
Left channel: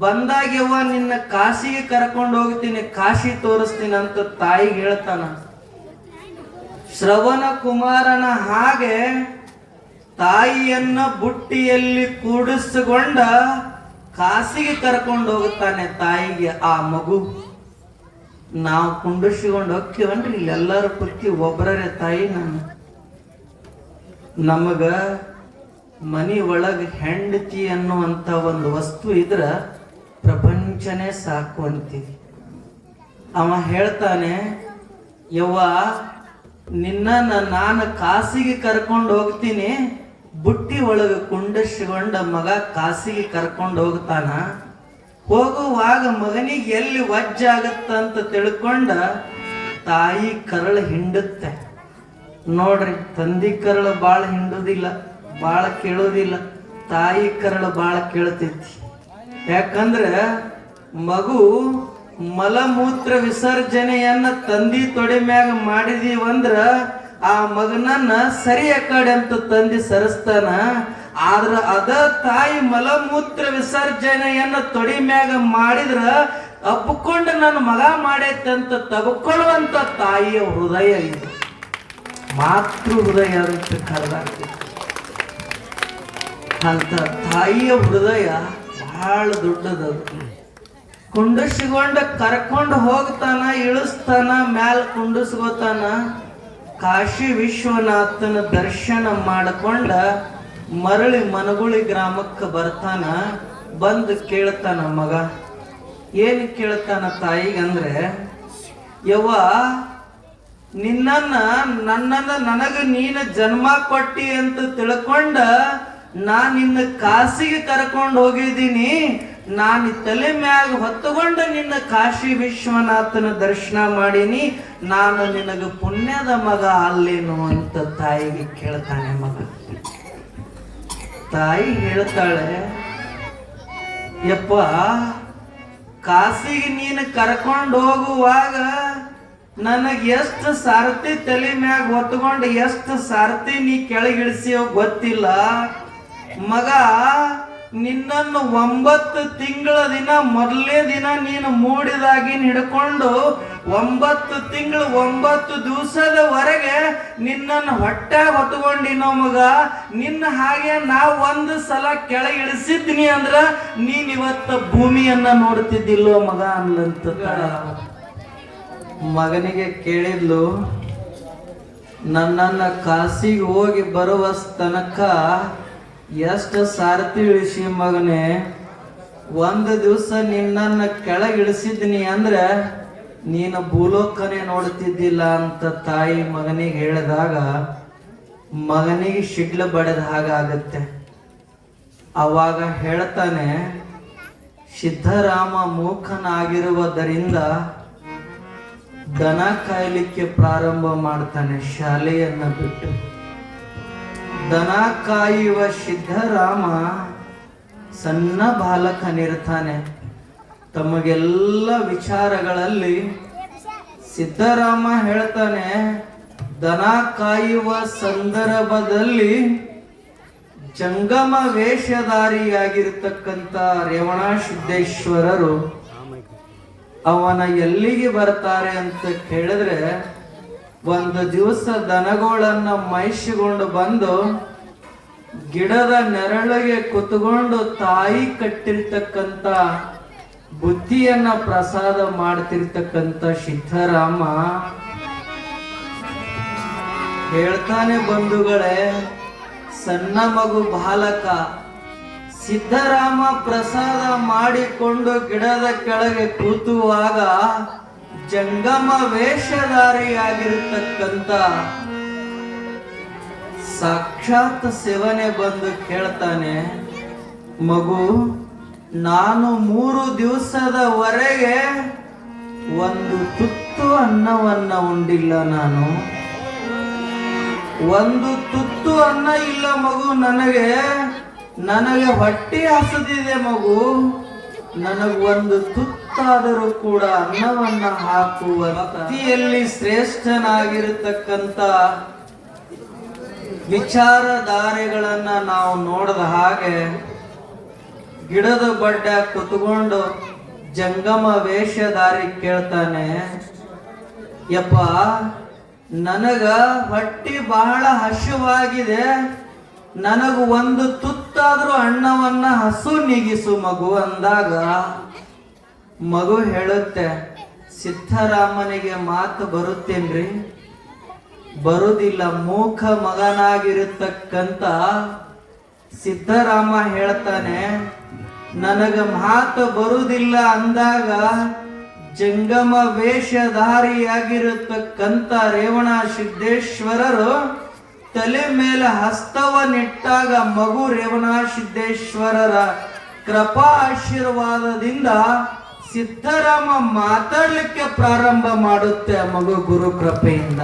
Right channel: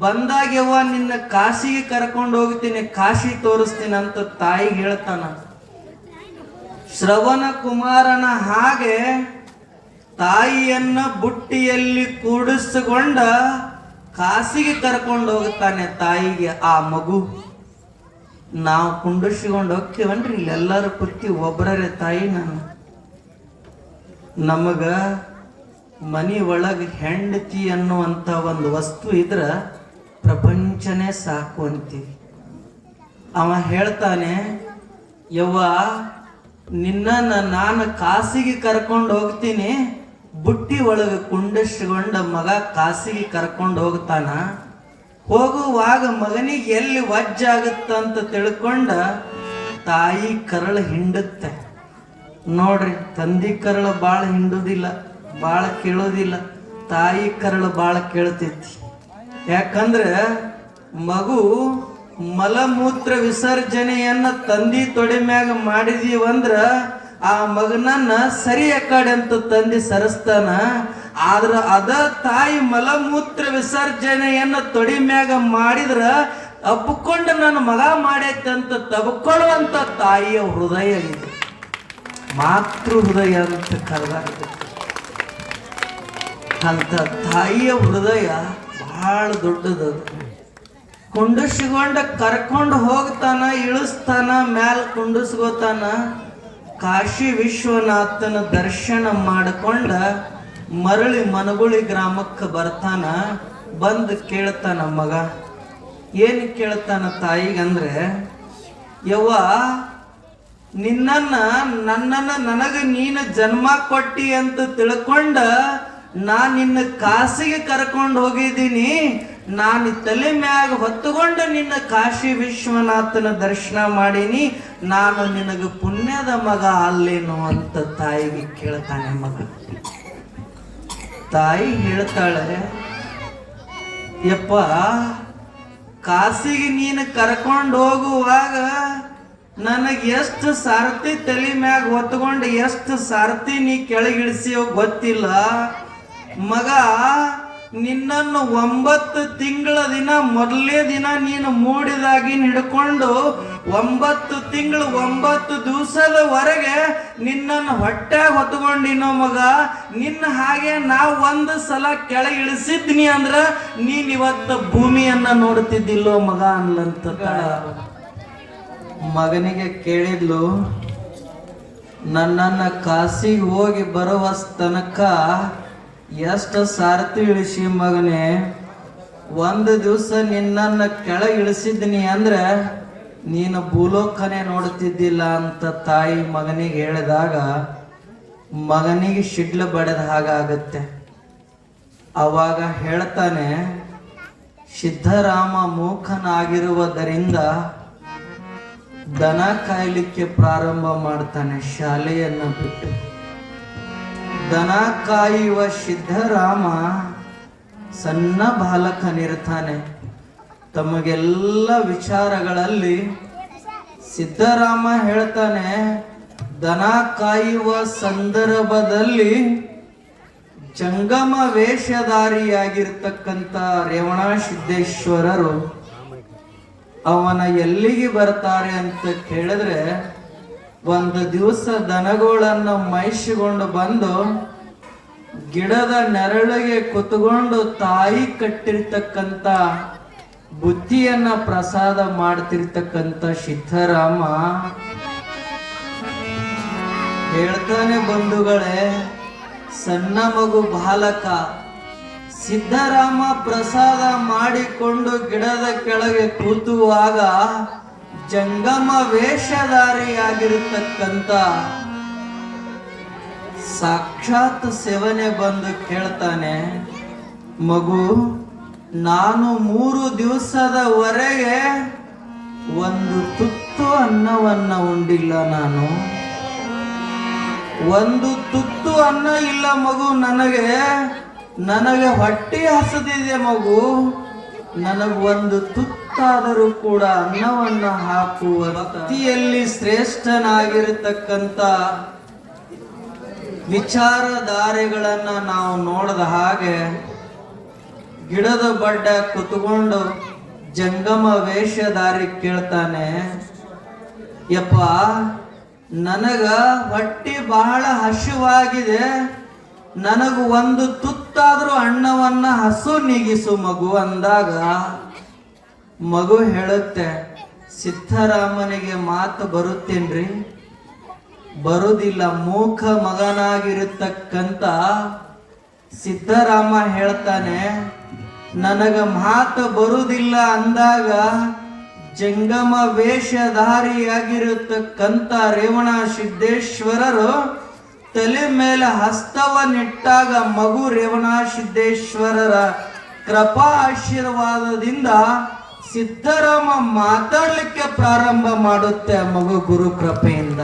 ಬಂದಾಗ್ಯವ ನಿನ್ನ ಕಾಶಿಗೆ ಕರ್ಕೊಂಡು ಹೋಗ್ತೀನಿ, ಕಾಶಿ ತೋರಿಸ್ತೀನಿ ಅಂತ ತಾಯಿ ಹೇಳ್ತಾನ. ಶ್ರವಣ ಕುಮಾರನ ಹಾಗೆ ತಾಯಿಯನ್ನ ಬುಟ್ಟಿಯಲ್ಲಿ ಕೂಡಿಸಿಕೊಂಡ ಕಾಶಿಗೆ ಕರ್ಕೊಂಡು ಹೋಗುತ್ತಾನೆ ತಾಯಿಗೆ ಆ ಮಗು. ನಾವು ಕುಂಡಿಸಿಕೊಂಡು ಹೋಗ್ತೀವನ್ರಿ, ಎಲ್ಲರೂ ಕುತ್ತಿ ಒಬ್ಬರೇ ತಾಯಿ. ನಮಗ ಮನಿ ಒಳಗೆ ಹೆಂಡತಿ ಅನ್ನುವಂಥ ಒಂದು ವಸ್ತು ಇದ್ರ ಪ್ರಪಂಚನೇ ಸಾಕು ಅಂತೀವಿ. ಅವ ಹೇಳ್ತಾನೆ, ಯವ್ವ ನಿನ್ನ ನಾನು ಕಾಸಿಗೆ ಕರ್ಕೊಂಡು ಹೋಗ್ತೀನಿ, ಬುಟ್ಟಿ ಒಳಗೆ ಕುಂಡಿಸಿಕೊಂಡ ಮಗ ಕಾಸಿಗೆ ಕರ್ಕೊಂಡು ಹೋಗ್ತಾನ. ಹೋಗುವಾಗ ಮಗನಿಗೆ ಎಲ್ಲಿ ವಜ್ಜಾಗತ್ತಂತ ತಿಳ್ಕೊಂಡ ತಾಯಿ ಕರಳು ಹಿಂಡುತ್ತೆ. ನೋಡ್ರಿ, ತಂದಿ ಕರಳು ಬಾಳ ಹಿಂಡುದಿಲ್ಲ, ಬಾಳ ಕೇಳೋದಿಲ್ಲ, ತಾಯಿ ಕರಳು ಬಾಳ ಕೇಳ್ತೈತಿ. ಯಾಕಂದ್ರೆ ಮಗು ಮಲಮೂತ್ರ ವಿಸರ್ಜನೆಯನ್ನ ತಂದಿ ತೊಡೆ ಮ್ಯಾಗ ಮಾಡಿದೀವಂದ್ರ ಆ ಮಗನನ್ನ ಸರಿಯ ಕಡೆ ಅಂತ ತಂದಿ ಸರಿಸ್ತಾನ. ಆದ್ರ ಅದ ತಾಯಿ ಮಲಮೂತ್ರ ವಿಸರ್ಜನೆಯನ್ನ ತೊಡೆ ಮ್ಯಾಗ ಮಾಡಿದ್ರ ಅಪ್ಪಿಕೊಂಡ ನನ್ನ ಮಗ ಮಾಡೈತಂತ ತಬ್ಕೊಳ್ಳುವಂತ ತಾಯಿಯ ಹೃದಯ ಇದು. ಮಾತೃ ಹೃದಯ ಅಂತ ಕರೆದಾಗ್ತದೆ. ಅಂತ ತಾಯಿಯ ಹೃದಯ ಬಹಳ ದೊಡ್ಡದದು. ಕುಂಡಿಸಿಕೊಂಡ ಕರ್ಕೊಂಡು ಹೋಗ್ತಾನ, ಇಳಿಸ್ತಾನ, ಮ್ಯಾಲ ಕುಂಡಿಸ್ಕೋತಾನ. ಕಾಶಿ ವಿಶ್ವನಾಥನ ದರ್ಶನ ಮಾಡಿಕೊಂಡ ಮರಳಿ ಮನಗುಳಿ ಗ್ರಾಮಕ್ಕೆ ಬರ್ತಾನ. ಬಂದು ಕೇಳ್ತಾನ ಮಗ. ಏನು ಕೇಳ್ತಾನ ತಾಯಿಗಂದ್ರೆ, ಯವ್ವ ನನ್ನನ್ನು ನನಗೆ ನೀನು ಜನ್ಮ ಕೊಟ್ಟಿ ಅಂತ ತಿಳ್ಕೊಂಡ ನಿನ್ನ ಕಾಸಿಗೆ ಕರ್ಕೊಂಡು ಹೋಗಿದ್ದೀನಿ. ನಾನು ತಲೆ ಮ್ಯಾಗ ಹೊತ್ತುಕೊಂಡು ನಿನ್ನ ಕಾಶಿ ವಿಶ್ವನಾಥನ ದರ್ಶನ ಮಾಡೀನಿ. ನಾನು ನಿನಗೆ ಪುಣ್ಯದ ಮಗ ಅಲ್ಲೇನು ಅಂತ ತಾಯಿಗೆ ಕೇಳ್ತಾನೆ ಮಗ. ತಾಯಿ ಹೇಳ್ತಾಳೆ, ಯಪ್ಪ ಕಾಸಿಗೆ ನೀನು ಕರ್ಕೊಂಡು ಹೋಗುವಾಗ ನನಗೆ ಎಷ್ಟು ಸಾರಥಿ ತಲೆ ಮ್ಯಾಗ ಹೊತ್ಕೊಂಡು ಎಷ್ಟು ಸಾರಥಿ ನೀ ಕೆಳಗಿಳಿಸಿ ಗೊತ್ತಿಲ್ಲ ಮಗ. ನಿನ್ನನ್ನು 9 ತಿಂಗಳ ದಿನ ಮೊದಲನೇ ದಿನ ನೀನು ಮೂಡಿದಾಗಿನ ಹಿಡ್ಕೊಂಡು 9 ತಿಂಗಳು 9 ದಿವಸದವರೆಗೆ ನಿನ್ನನ್ನು ಹೊಟ್ಟ್ಯಾಗ ಹೊತ್ಕೊಂಡಿನೋ ಮಗ. ನಿನ್ನ ಹಾಗೆ ನಾವು ಒಂದು ಸಲ ಕೆಳಗಿಳಿಸಿದ್ನಿ ಅಂದ್ರ ನೀನ್ ಇವತ್ತು ಭೂಮಿಯನ್ನ ನೋಡ್ತಿದ್ದಿಲ್ಲೋ ಮಗ ಅನ್ಲಂತ. ಮಗನಿಗೆ ಕೇಳಿದ್ಲು, ನನ್ನನ್ನ ಕಾಸಿಗೆ ಹೋಗಿ ಬರುವ ತನಕ ಎಷ್ಟು ಸಾರಥಿ ಇಳಿಸಿ ಮಗನೇ. ಒಂದು ದಿವಸ ನಿನ್ನನ್ನು ಕೆಳಗಿಳಿಸಿದ್ನಿ ಅಂದ್ರೆ ನೀನು ಭೂಲೋಕನೇ ನೋಡ್ತಿದ್ದಿಲ್ಲ ಅಂತ ತಾಯಿ ಮಗನಿಗೆ ಹೇಳಿದಾಗ ಮಗನಿಗೆ ಶಿಡ್ಲು ಬಡಿದ ಹಾಗಾಗತ್ತೆ. ಅವಾಗ ಹೇಳ್ತಾನೆ, ಸಿದ್ಧರಾಮ ಮೂಕನಾಗಿರುವುದರಿಂದ ದನ ಕಾಯಲಿಕ್ಕೆ ಪ್ರಾರಂಭ ಮಾಡ್ತಾನೆ. ಶಾಲೆಯನ್ನ ಬಿಟ್ಟು ದನ ಕಾಯುವ ಸಿದ್ಧರಾಮ ಸಣ್ಣ ಬಾಲಕನಿರ್ತಾನೆ. ತಮಗೆಲ್ಲ ವಿಚಾರಗಳಲ್ಲಿ ಸಿದ್ಧರಾಮ ಹೇಳ್ತಾನೆ, ದನ ಕಾಯುವ ಸಂದರ್ಭದಲ್ಲಿ ಜಂಗಮ ವೇಷಧಾರಿಯಾಗಿರ್ತಕ್ಕಂಥ ರೇವಣ ಸಿದ್ದೇಶ್ವರರು ಅವನ ಎಲ್ಲಿಗೆ ಬರ್ತಾರೆ ಅಂತ ಕೇಳಿದ್ರೆ, ಒಂದು ದಿವಸ ದನಗಳನ್ನ ಮೈಸಿಕೊಂಡು ಬಂದು ಗಿಡದ ನೆರಳಿಗೆ ಕುತ್ಕೊಂಡು ತಾಯಿ ಕಟ್ಟಿರ್ತಕ್ಕಂಥ ಬುದ್ಧಿಯನ್ನ ಪ್ರಸಾದ ಮಾಡ್ತಿರ್ತಕ್ಕಂಥ ಸಿದ್ಧರಾಮ ಹೇಳ್ತಾನೆ, ಬಂಧುಗಳೇ, ಸಣ್ಣ ಮಗು ಬಾಲಕ ಸಿದ್ಧರಾಮ ಪ್ರಸಾದ ಮಾಡಿಕೊಂಡು ಗಿಡದ ಕೆಳಗೆ ಕೂತುವಾಗ ಜಂಗಮ ವೇಷಧಾರಿಯಾಗಿರ್ತಕ್ಕಂಥ ಸಾಕ್ಷಾತ್ ಶಿವನೇ ಬಂದು ಕೇಳ್ತಾನೆ, ಮಗು ನಾನು 3 ದಿವಸದವರೆಗೆ ಒಂದು ತುತ್ತು ಅನ್ನವನ್ನ ಉಂಡಿಲ್ಲ. ನಾನು ಒಂದು ತುತ್ತು ಅನ್ನ ಇಲ್ಲ ಮಗು. ನನಗೆ ಹೊಟ್ಟೆ ಹಸಿದಿದೆ ಮಗು. ನನಗೊಂದು ತುತ್ತಾದರೂ ಕೂಡ ಅನ್ನವನ್ನು ಹಾಕುವ ಭಕ್ತಿಯಲ್ಲಿ ಶ್ರೇಷ್ಠನಾಗಿರತಕ್ಕಂಥ ವಿಚಾರಧಾರೆಗಳನ್ನ ನಾವು ನೋಡಿದ ಹಾಗೆ ಗಿಡದ ಬಡ್ಡ ಕುತ್ಕೊಂಡು ಜಂಗಮ ವೇಷಧಾರಿ ಕೇಳ್ತಾನೆ, ಯಪ್ಪ ನನಗ ಹೊಟ್ಟೆ ಬಹಳ ಹಸಿವಾಗಿದೆ, ನನಗೂ ಒಂದು ತುತ್ತಾದ್ರೂ ಅನ್ನವನ್ನ ಹಸು ನೀಗಿಸು ಮಗು ಅಂದಾಗ ಮಗು ಹೇಳುತ್ತೆ, ಸಿದ್ಧರಾಮನಿಗೆ ಮಾತು ಬರುತ್ತೇನ್ರಿ? ಬರುದಿಲ್ಲ. ಮೂಕ ಮಗನಾಗಿರತಕ್ಕಂತ ಸಿದ್ಧರಾಮ ಹೇಳ್ತಾನೆ, ನನಗ ಮಾತು ಬರುವುದಿಲ್ಲ ಅಂದಾಗ ಜಂಗಮ ವೇಷಧಾರಿಯಾಗಿರತಕ್ಕಂತ ರೇವಣ ಸಿದ್ದೇಶ್ವರರು ತಲೆ ಮೇಲೆ ಹಸ್ತವನ್ನಿಟ್ಟಾಗ ಮಗು ರೇವಣ ಸಿದ್ದೇಶ್ವರರ ಕೃಪಾ ಆಶೀರ್ವಾದದಿಂದ ಸಿದ್ಧರಾಮ ಮಾತಾಡಲಿಕ್ಕೆ ಪ್ರಾರಂಭ ಮಾಡುತ್ತೆ. ಮಗು ಗುರು ಕೃಪೆಯಿಂದ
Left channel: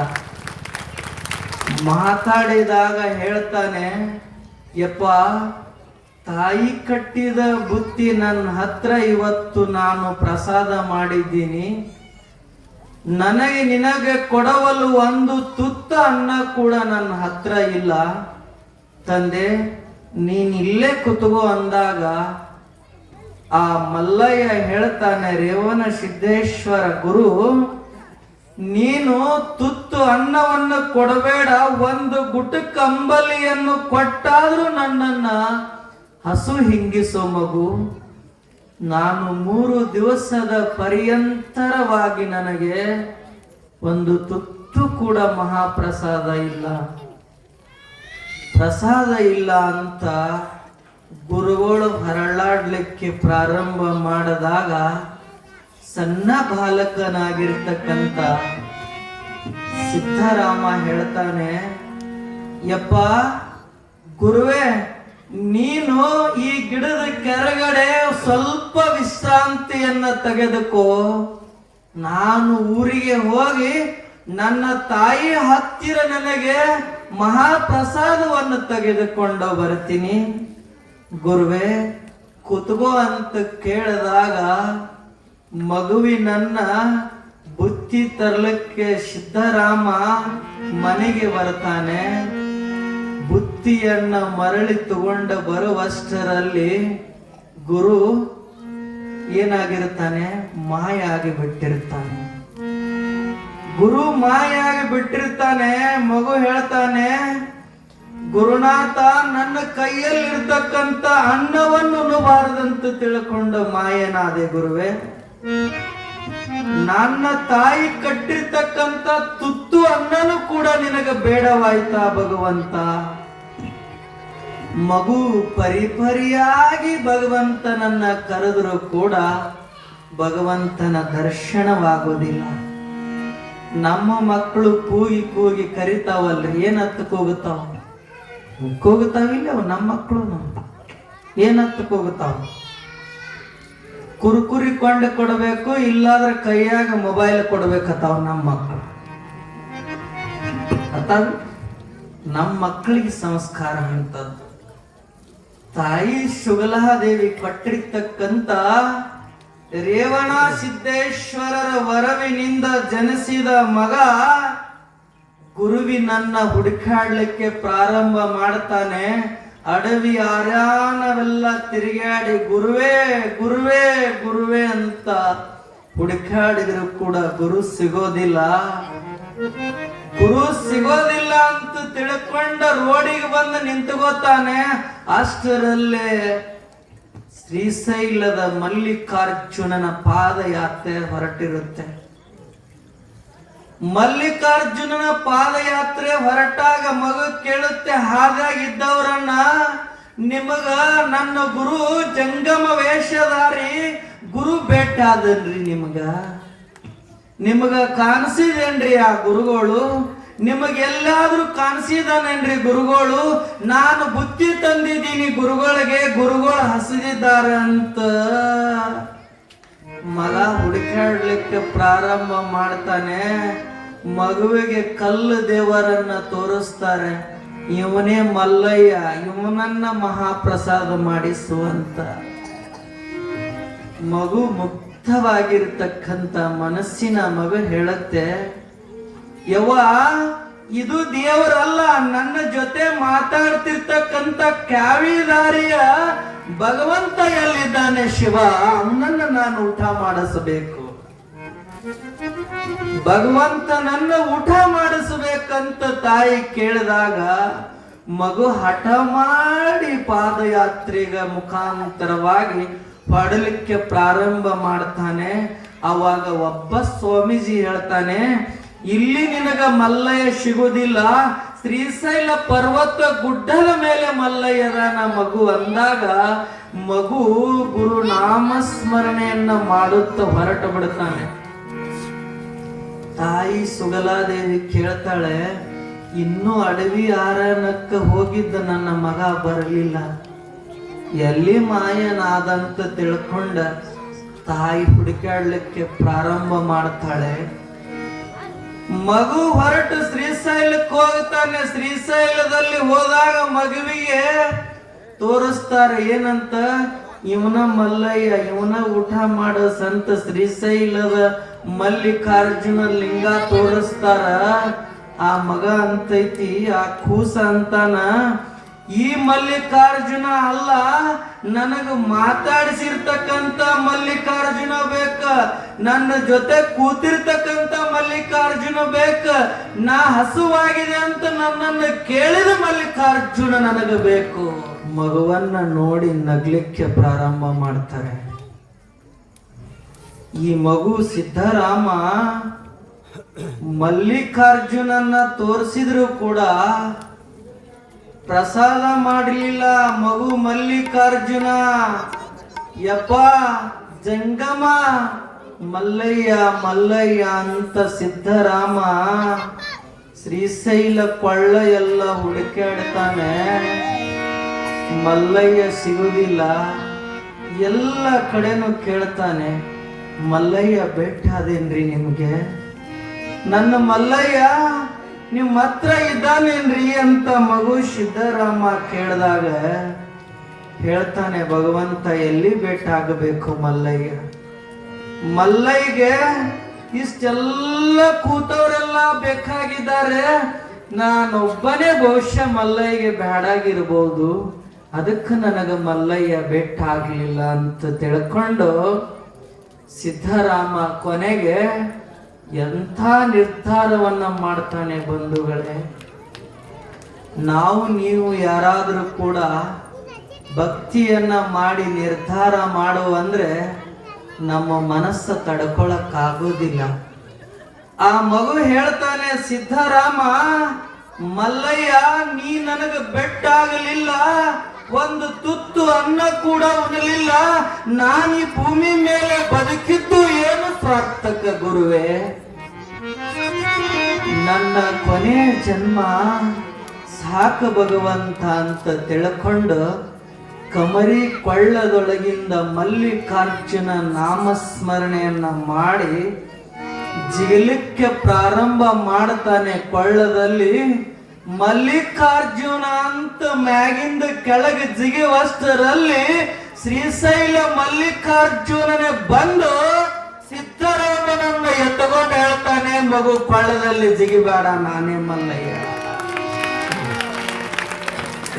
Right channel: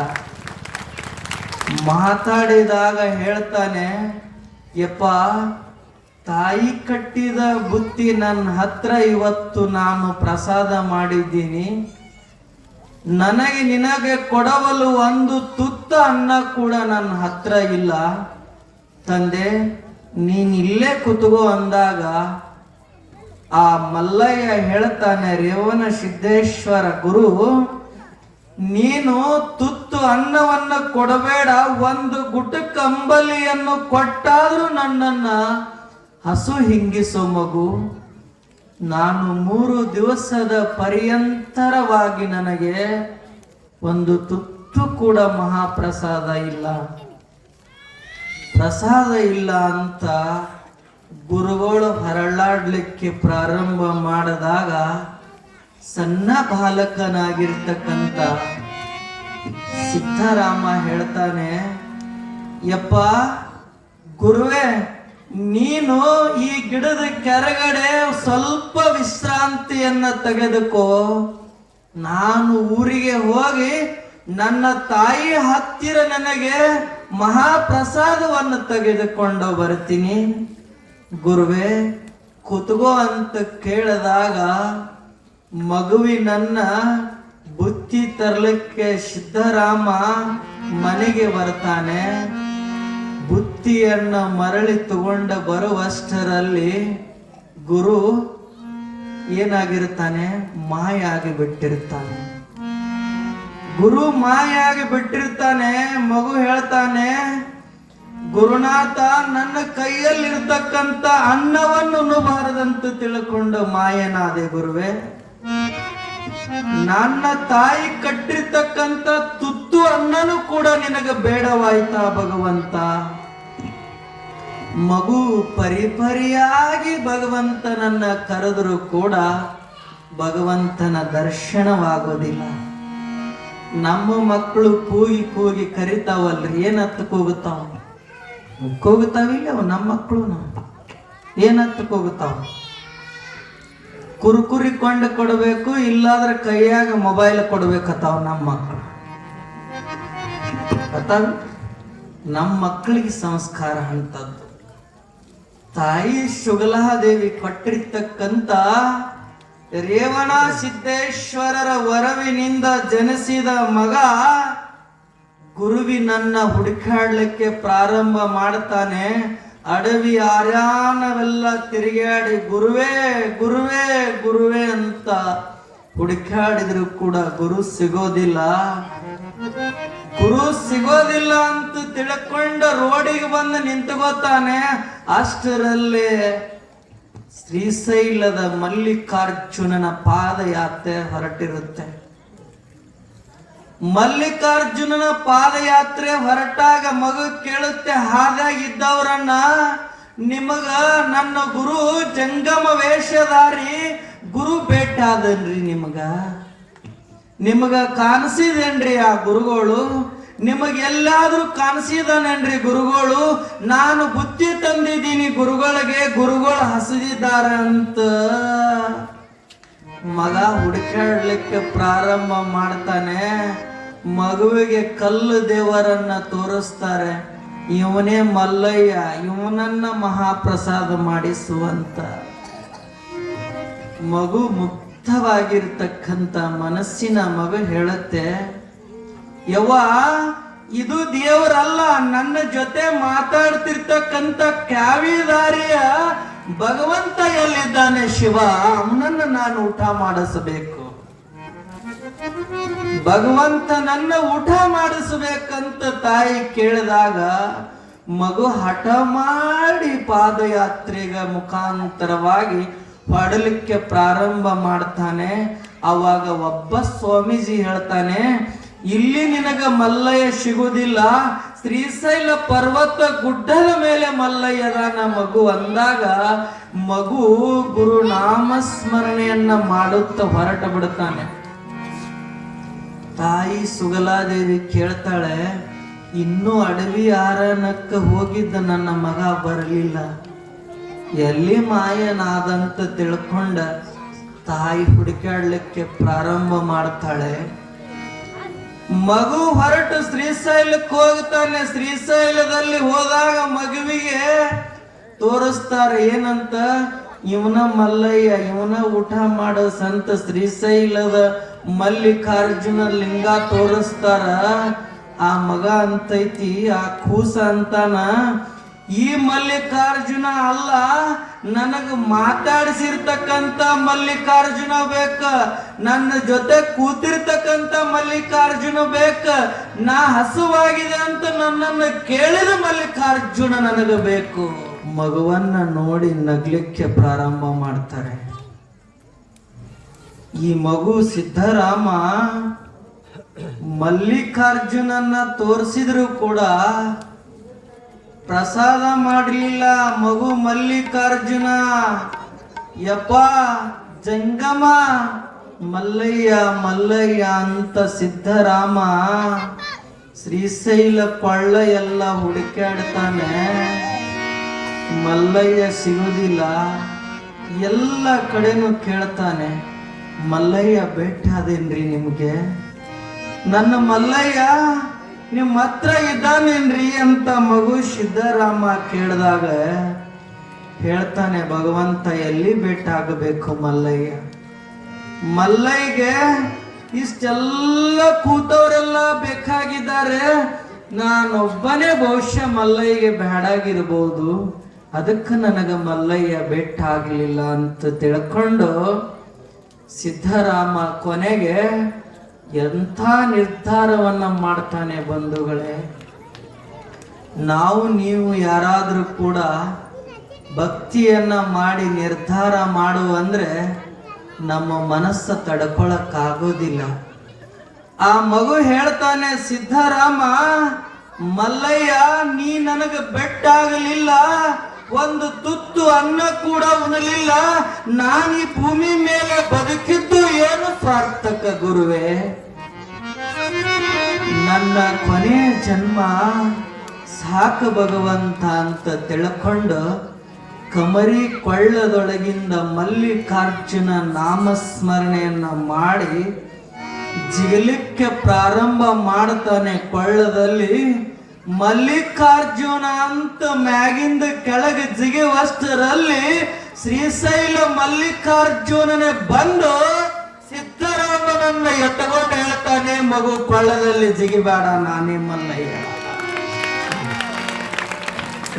ಮಾತಾಡಿದಾಗ ಹೇಳ್ತಾನೆ, ಯಪ್ಪ, ತಾಯಿ ಕಟ್ಟಿದ ಬುತ್ತಿ ನನ್ನ ಹತ್ರ ಇವತ್ತು ನಾನು ಪ್ರಸಾದ ಮಾಡಿದ್ದೀನಿ. ನನಗೆ ನಿನಗೆ ಕೊಡವಲು ಒಂದು ತುತ್ತ ಅನ್ನ ಕೂಡ ನನ್ನ ಹತ್ರ ಇಲ್ಲ. ತಂದೆ, ನೀನ್ ಇಲ್ಲೇ ಕುತ್ಕೋ ಅಂದಾಗ ಆ ಮಲ್ಲಯ್ಯ ಹೇಳ್ತಾನೆ, ರೇವಣ ಸಿದ್ದೇಶ್ವರ ಗುರು, ನೀನು ತುತ್ತು ಅನ್ನವನ್ನು ಕೊಡಬೇಡ, ಒಂದು ಗುಟ ಕಂಬಲಿಯನ್ನು ಕೊಟ್ಟಾದ್ರೂ ನನ್ನನ್ನ ಹಸು ಹಿಂಗಿಸೋ ಮಗು. ನಾನು 3 ದಿವಸದ ಪರ್ಯಂತರವಾಗಿ ನನಗೆ ಒಂದು ತುತ್ತು ಕೂಡ ಮಹಾಪ್ರಸಾದ ಇಲ್ಲ, ಪ್ರಸಾದ ಇಲ್ಲ ಅಂತ ಗುರುಗಳು ಹರಳಾಡ್ಲಿಕ್ಕೆ ಪ್ರಾರಂಭ ಮಾಡಿದಾಗ ಸಣ್ಣ ಬಾಲಕನಾಗಿರ್ತಕ್ಕಂಥ ಸಿದ್ಧರಾಮ ಹೇಳ್ತಾನೆ, ಯಪ್ಪ ಗುರುವೇ, ನೀನು ಈ ಗಿಡದ ಕೆಳಗಡೆ ಸ್ವಲ್ಪ ವಿಶ್ರಾಂತಿಯನ್ನ ತೆಗೆದುಕೋ. ನಾನು ಊರಿಗೆ ಹೋಗಿ ನನ್ನ ತಾಯಿ ಹತ್ತಿರ ನನಗೆ ಮಹಾಪ್ರಸಾದವನ್ನು ತೆಗೆದುಕೊಂಡು ಬರ್ತೀನಿ. ಗುರುವೇ, ಕುತ್ಕೋ ಅಂತ ಕೇಳಿದಾಗ ಮಗುವಿನನ್ನ ಬುತ್ತಿ ತರಲಿಕ್ಕೆ ಸಿದ್ಧರಾಮ ಮನೆಗೆ ಬರ್ತಾನೆ. ಬುತ್ತಿಯನ್ನ ಮರಳಿ ತಗೊಂಡ ಬರುವಷ್ಟರಲ್ಲಿ ಗುರು ಏನಾಗಿರ್ತಾನೆ, ಮಾಯ ಆಗಿ ಬಿಟ್ಟಿರ್ತಾನೆ. ಗುರು ಮಾಯ ಆಗಿ ಬಿಟ್ಟಿರ್ತಾನೆ. ಮಗು ಹೇಳ್ತಾನೆ, ಗುರುನಾಥ, ನನ್ನ ಕೈಯಲ್ಲಿರ್ತಕ್ಕಂಥ ಅನ್ನವನ್ನು ಉಣಬಾರದಂತ ತಿಳ್ಕೊಂಡು ಮಾಯನಾದೆ ಗುರುವೇ. ನನ್ನ ತಾಯಿ ಕಟ್ಟಿರ್ತಕ್ಕಂಥ ತುತ್ತು ಅನ್ನನೂ ಕೂಡ ನಿನಗೆ ಬೇಡವಾಯ್ತಾ ಭಗವಂತ? ಮಗು ಪರಿಪರಿಯಾಗಿ ಭಗವಂತನನ್ನ ಕರೆದರೂ ಕೂಡ ಭಗವಂತನ ದರ್ಶನವಾಗೋದಿಲ್ಲ. ನಮ್ಮ ಮಕ್ಕಳು ಕೂಗಿ ಕೂಗಿ ಕರಿತಾವಲ್ರಿ, ಏನತ್ತಕ್ಕೆ ಹೋಗುತ್ತಾವ? ಹೋಗುತ್ತಾವಿಲ್ಲ ನಮ್ಮ ಮಕ್ಕಳು, ಏನತ್ತಕ್ಕೆ ಹೋಗುತ್ತಾವ? ಕುರುಕುರಿ ಕೊಂಡು ಕೊಡಬೇಕು, ಇಲ್ಲಾದ್ರೆ ಕೈಯಾಗ ಮೊಬೈಲ್ ಕೊಡ್ಬೇಕತ್ತಾವ ನಮ್ಮ ಮಕ್ಕಳು. ಅತ್ತಾವ ನಮ್ಮ ಮಕ್ಕಳಿಗೆ ಸಂಸ್ಕಾರ ಅಂತದ್ದು. ತಾಯಿ ಶುಗಲಾದೇವಿ ಕಟ್ಟಿರ್ತಕ್ಕಂಥ ರೇವಣ ಸಿದ್ದೇಶ್ವರರ ವರವಿನಿಂದ ಜನಿಸಿದ ಮಗ ಗುರುವಿನನ್ನ ಹುಡುಕಾಡ್ಲಿಕ್ಕೆ ಪ್ರಾರಂಭ ಮಾಡ್ತಾನೆ. ಅಡವಿ ಆರ್ಯಾನವೆಲ್ಲ ತಿರುಗಾಡಿ ಗುರುವೇ ಗುರುವೇ ಗುರುವೇ ಅಂತ ಹುಡುಕಾಡಿದ್ರು ಕೂಡ ಗುರು ಸಿಗೋದಿಲ್ಲ. ಗುರು ಸಿಗೋದಿಲ್ಲ ಅಂತ ತಿಳ್ಕೊಂಡ ರೋಡಿಗೆ ಬಂದು ನಿಂತುಕೋತಾನೆ. ಅಷ್ಟರಲ್ಲೇ ಶ್ರೀಶೈಲದ ಮಲ್ಲಿಕಾರ್ಜುನನ ಪಾದಯಾತ್ರೆ ಹೊರಟಿರುತ್ತೆ. ಮಲ್ಲಿಕಾರ್ಜುನನ ಪಾದಯಾತ್ರೆ ಹೊರಟಾಗ ಮಗು ಕೇಳುತ್ತೆ, ಹಾಗಾಗಿದ್ದವರನ್ನ, ನಿಮಗ ನನ್ನ ಗುರು ಜಂಗಮ ವೇಷಧಾರಿ ಗುರು ಭೇಟ ಆದನ್ರಿ, ನಿಮಗ ಕಾಣಿಸಿದೇನ್ರಿ ಆ ಗುರುಗಳು? ನಿಮಗೆಲ್ಲಾದ್ರೂ ಕಾಣಿಸಿದಾನೇನ್ರಿ ಗುರುಗಳು? ನಾನು ಬುತ್ತಿ ತಂದಿದ್ದೀನಿ ಗುರುಗಳಿಗೆ, ಗುರುಗಳು ಹಸಿದಿದ್ದಾರ ಅಂತ ಮಗ ಹುಡುಕಾಡ್ಲಿಕ್ಕೆ ಪ್ರಾರಂಭ ಮಾಡ್ತಾನೆ. ಮಗುವಿಗೆ ಕಲ್ಲು ದೇವರನ್ನ ತೋರಿಸ್ತಾರೆ. ಇವನೇ ಮಲ್ಲಯ್ಯ, ಇವನನ್ನ ಮಹಾಪ್ರಸಾದ ಮಾಡಿಸುವಂತ. ಮಗು ಮುಕ್ತವಾಗಿರ್ತಕ್ಕಂಥ ಮನಸ್ಸಿನ ಮಗು ಹೇಳುತ್ತೆ, ಯವ್ವ, ಇದು ದೇವರಲ್ಲ, ನನ್ನ ಜೊತೆ ಮಾತಾಡ್ತಿರ್ತಕ್ಕಂಥ ಕ್ಯಾವಿದಾರಿಯ ಭಗವಂತ ಎಲ್ಲಿದ್ದಾನೆ ಶಿವ, ಅವನನ್ನ ನಾನು ಊಟ ಮಾಡಿಸಬೇಕು. ಭಗವಂತನನ್ನ ಊಟ ಮಾಡಿಸಬೇಕಂತ ತಾಯಿ ಕೇಳಿದಾಗ ಮಗು ಹಠ ಮಾಡಿ ಪಾದಯಾತ್ರೆಗ ಮುಖಾಂತರವಾಗಿ ಹೊಡಲಿಕ್ಕೆ ಪ್ರಾರಂಭ ಮಾಡ್ತಾನೆ. ಅವಾಗ ಒಬ್ಬ ಸ್ವಾಮೀಜಿ ಹೇಳ್ತಾನೆ, ಇಲ್ಲಿ ನಿನಗ ಮಲ್ಲಯ್ಯ ಸಿಗೋದಿಲ್ಲ, ಶ್ರೀಶೈಲ ಪರ್ವತ ಗುಡ್ಡದ ಮೇಲೆ ಮಲ್ಲಯ್ಯನ ಮಗು ಅಂದಾಗ ಮಗು ಗುರು ನಾಮಸ್ಮರಣೆಯನ್ನ ಮಾಡುತ್ತಾ ಹೊರಟ ಬಿಡ್ತಾನೆ. ತಾಯಿ ಸುಗಲಾದೇವಿ ಕೇಳ್ತಾಳೆ, ಇನ್ನೂ ಅಡವಿ ಆರನಕ್ಕ ಹೋಗಿದ್ದ ನನ್ನ ಮಗ ಬರಲಿಲ್ಲ, ಎಲ್ಲಿ ಮಾಯನಾದಂತ ತಿಳ್ಕೊಂಡ ತಾಯಿ ಹುಡುಕಾಡ್ಲಿಕ್ಕೆ ಪ್ರಾರಂಭ ಮಾಡ್ತಾಳೆ. ಮಗು ಹೊರಟು ಶ್ರೀಶೈಲಕ್ಕೆ ಹೋಗ್ತಾನೆ. ಶ್ರೀಶೈಲದಲ್ಲಿ ಹೋದಾಗ ಮಗುವಿಗೆ ತೋರಿಸ್ತಾರೆ ಏನಂತ, ಇವನ ಮಲ್ಲಯ್ಯ, ಇವನ ಊಟ ಮಾಡೋ ಸಂತ ಶ್ರೀಶೈಲದ ಮಲ್ಲಿಕಾರ್ಜುನ ಲಿಂಗ ತೋರಿಸ್ತಾರ. ಆ ಮಗ ಅಂತೈತಿ, ಆ ಕೂಸ ಅಂತಾನ, ಈ ಮಲ್ಲಿಕಾರ್ಜುನ ಅಲ್ಲ, ನನಗ ಮಾತಾಡಿಸಿರ್ತಕ್ಕಂತ ಮಲ್ಲಿಕಾರ್ಜುನ ಬೇಕ, ನನ್ನ ಜೊತೆ ಕೂತಿರ್ತಕ್ಕಂತ ಮಲ್ಲಿಕಾರ್ಜುನ ಬೇಕ, ನಾ ಹಸುವಾಗಿದೆ ಅಂತ ನನ್ನನ್ನು ಕೇಳಿದ ಮಲ್ಲಿಕಾರ್ಜುನ ನನಗ ಬೇಕು. ಮಗುವನ್ನ ನೋಡಿ ನಗ್ಲಿಕ್ಕೆ ಪ್ರಾರಂಭ ಮಾಡ್ತಾರೆ. ಈ ಮಗು ಸಿದ್ಧರಾಮ ಮಲ್ಲಿಕಾರ್ಜುನನ್ನ ತೋರಿಸಿದ್ರು ಕೂಡ ಪ್ರಸಾದ ಮಾಡಲಿಲ್ಲ. ಮಗು ಮಲ್ಲಿಕಾರ್ಜುನ ಯಪ್ಪ ಜಂಗಮ ಮಲ್ಲಯ್ಯ ಮಲ್ಲಯ್ಯ ಅಂತ ಸಿದ್ಧರಾಮ ಶ್ರೀಶೈಲ ಕೊಳ್ಳ ಎಲ್ಲ ಹುಡುಕಾಡ್ತಾನೆ. ಮಲ್ಲಯ್ಯ ಸಿಗುದಿಲ್ಲ. ಎಲ್ಲ ಕಡೆನೂ ಕೇಳ್ತಾನೆ, ಮಲ್ಲಯ್ಯ ಭೇಟಾದೇನ್ರಿ ನಿಮ್ಗೆ? ನನ್ನ ಮಲ್ಲಯ್ಯ ನಿಮ್ಮ ಹತ್ರ ಇದ್ದಾನೇನ್ರಿ ಅಂತ ಮಗು ಸಿದ್ಧರಾಮ ಕೇಳಿದಾಗ ಹೇಳ್ತಾನೆ, ಭಗವಂತ ಎಲ್ಲಿ ಭೇಟಾಗಬೇಕು ಮಲ್ಲಯ್ಯ? ಮಲ್ಲಯ್ಯಗೆ ಇಷ್ಟೆಲ್ಲ ಕೂತವರೆಲ್ಲ ಬೇಕಾಗಿದ್ದಾರೆ, ನಾನೊಬ್ಬನೇ ಬಹುಶಃ ಮಲ್ಲಯ್ಯಗೆ ಬೇಡಾಗಿರ್ಬೋದು, ಅದಕ್ಕೆ ನನಗೆ ಮಲ್ಲಯ್ಯ ಭೇಟಾಗ್ಲಿಲ್ಲ ಅಂತ ತಿಳ್ಕೊಂಡು ಸಿದ್ಧರಾಮ ಕೊನೆಗೆ ಎಂಥ ನಿರ್ಧಾರವನ್ನ ಮಾಡ್ತಾನೆ. ಬಂಧುಗಳೇ, ನಾವು ನೀವು ಯಾರಾದರೂ ಕೂಡ ಭಕ್ತಿಯನ್ನ ಮಾಡಿ ನಿರ್ಧಾರ ಮಾಡು ಅಂದ್ರೆ ನಮ್ಮ ಮನಸ್ಸು ತಡ್ಕೊಳಕ್ಕಾಗೋದಿಲ್ಲ. ಆ ಮಗು ಹೇಳ್ತಾನೆ, ಸಿದ್ಧರಾಮ ಮಲ್ಲಯ್ಯ ನೀ ನನಗೆ ಬೆಟ್ಟಾಗಲಿಲ್ಲ, ಒಂದು ತುತ್ತು ಅನ್ನ ಕೂಡ ಉಣಲಿಲ್ಲ, ನಾನು ಈ ಭೂಮಿ ಮೇಲೆ ಬದುಕಿದ್ದು ಏನು ಸಾರ್ಥಕ ಗುರುವೇ? ನನ್ನ ಕೊನೆಯ ಜನ್ಮ ಸಾಕು ಭಗವಂತ ಅಂತ ತಿಳ್ಕೊಂಡು ಕಮರಿ ಕೊಳ್ಳದೊಳಗಿಂದ ಮಲ್ಲಿಕಾರ್ಜುನ ನಾಮಸ್ಮರಣೆಯನ್ನ ಮಾಡಿ ಜಿಗಲಿಕ್ಕೆ ಪ್ರಾರಂಭ ಮಾಡ್ತಾನೆ. ಕೊಳ್ಳದಲ್ಲಿ ಮಲ್ಲಿಕಾರ್ಜುನ ಅಂತ ಮ್ಯಾಗಿಂದ ಕೆಳಗೆ ಜಿಗುವಷ್ಟರಲ್ಲಿ ಶ್ರೀಶೈಲ ಮಲ್ಲಿಕಾರ್ಜುನನೇ ಬಂದು ಸಿದ್ಧರಾಮನನ್ನ ಎತ್ತಕೊಂಡು ಹೇಳ್ತಾನೆ, ಮಗು ಕೊಳ್ಳದಲ್ಲಿ ಜಿಗಿಬೇಡ, ನಾನೇ ಮಲ್ಲಯ್ಯ,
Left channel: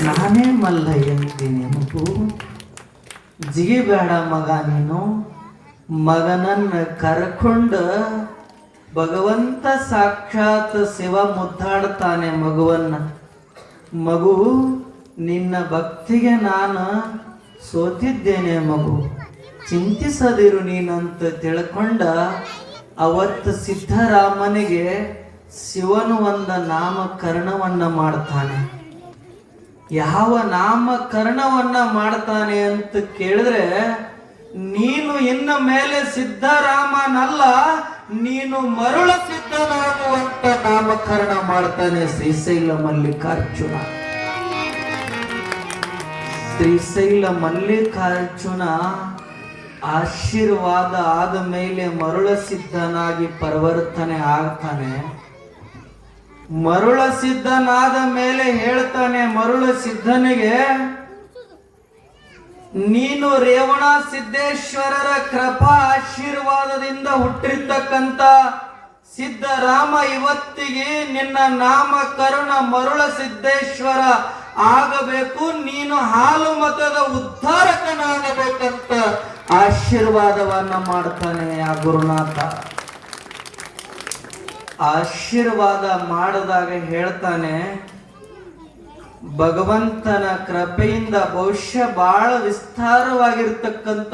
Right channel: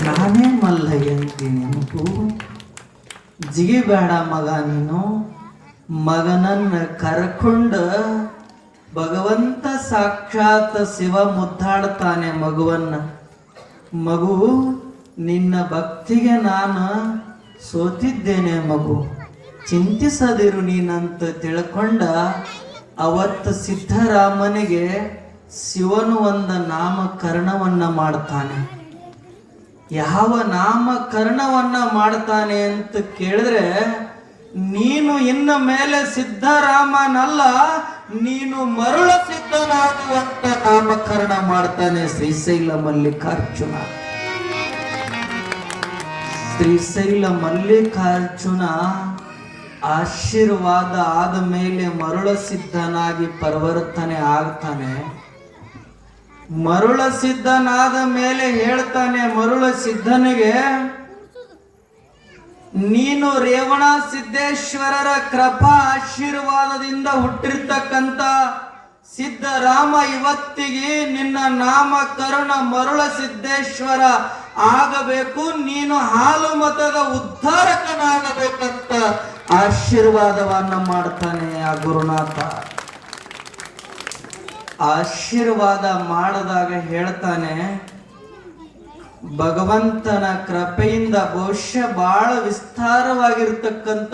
ನಾನೇ ಮಲ್ಲಯ್ಯ ಅಂತೀನಿ, ಮಗು ಜಿಗಿಬೇಡ ಮಗ ನೀನು. ಮಗನನ್ನ ಕರ್ಕೊಂಡು ಭಗವಂತ ಸಾಕ್ಷಾತ್ ಶಿವ ಮುದ್ದಾಡ್ತಾನೆ ಮಗುವನ್ನ. ಮಗು ನಿನ್ನ ಭಕ್ತಿಗೆ ನಾನು ಸೋತಿದ್ದೇನೆ ಮಗು, ಚಿಂತಿಸದಿರು ನೀನಂತ ತಿಳ್ಕೊಂಡ ಅವತ್ತು ಸಿದ್ಧರಾಮನಿಗೆ ಶಿವನು ಒಂದು ನಾಮಕರಣವನ್ನ ಮಾಡ್ತಾನೆ. ಯಾವ ನಾಮಕರಣವನ್ನ ಮಾಡ್ತಾನೆ ಅಂತ ಕೇಳಿದ್ರೆ, ನೀನು ಇನ್ನು ಮೇಲೆ ಸಿದ್ಧರಾಮನಲ್ಲ, ನೀನು ಮರುಳ ಸಿದ್ಧನಾಗುವಂತ ನಾಮಕರಣ ಮಾಡ್ತಾನೆ ಶ್ರೀಶೈಲ ಮಲ್ಲಿಕಾರ್ಜುನ. ಶ್ರೀಶೈಲ ಮಲ್ಲಿಕಾರ್ಜುನ ಆಶೀರ್ವಾದ ಆದ ಮೇಲೆ ಮರುಳ ಸಿದ್ಧನಾಗಿ ಪರಿವರ್ತನೆ ಆಗ್ತಾನೆ. ಮರುಳ ಸಿದ್ಧನಾದ ಮೇಲೆ ಹೇಳ್ತಾನೆ ಮರುಳ ಸಿದ್ಧನಿಗೆ, ನೀನು ರೇವಣ ಸಿದ್ದೇಶ್ವರರ ಕೃಪಾ ಆಶೀರ್ವಾದದಿಂದ ಹುಟ್ಟಿರ್ತಕ್ಕಂಥ ಸಿದ್ಧರಾಮ, ಇವತ್ತಿಗೆ ನಿನ್ನ ನಾಮಕರಣ ಮರುಳ ಸಿದ್ದೇಶ್ವರ ಆಗಬೇಕು, ನೀನು ಹಾಲು ಮತದ ಉದ್ಧಾರಕನಾಗಬೇಕಂತ ಆಶೀರ್ವಾದವನ್ನ ಮಾಡ್ತಾನೆ ಆ ಗುರುನಾಥ. ಆಶೀರ್ವಾದ ಮಾಡಿದಾಗ ಹೇಳ್ತಾನೆ, ಭಗವಂತನ ಕೃಪೆಯಿಂದ ಬಹುಶಃ ಬಹಳ ವಿಸ್ತಾರವಾಗಿರ್ತಕ್ಕಂಥ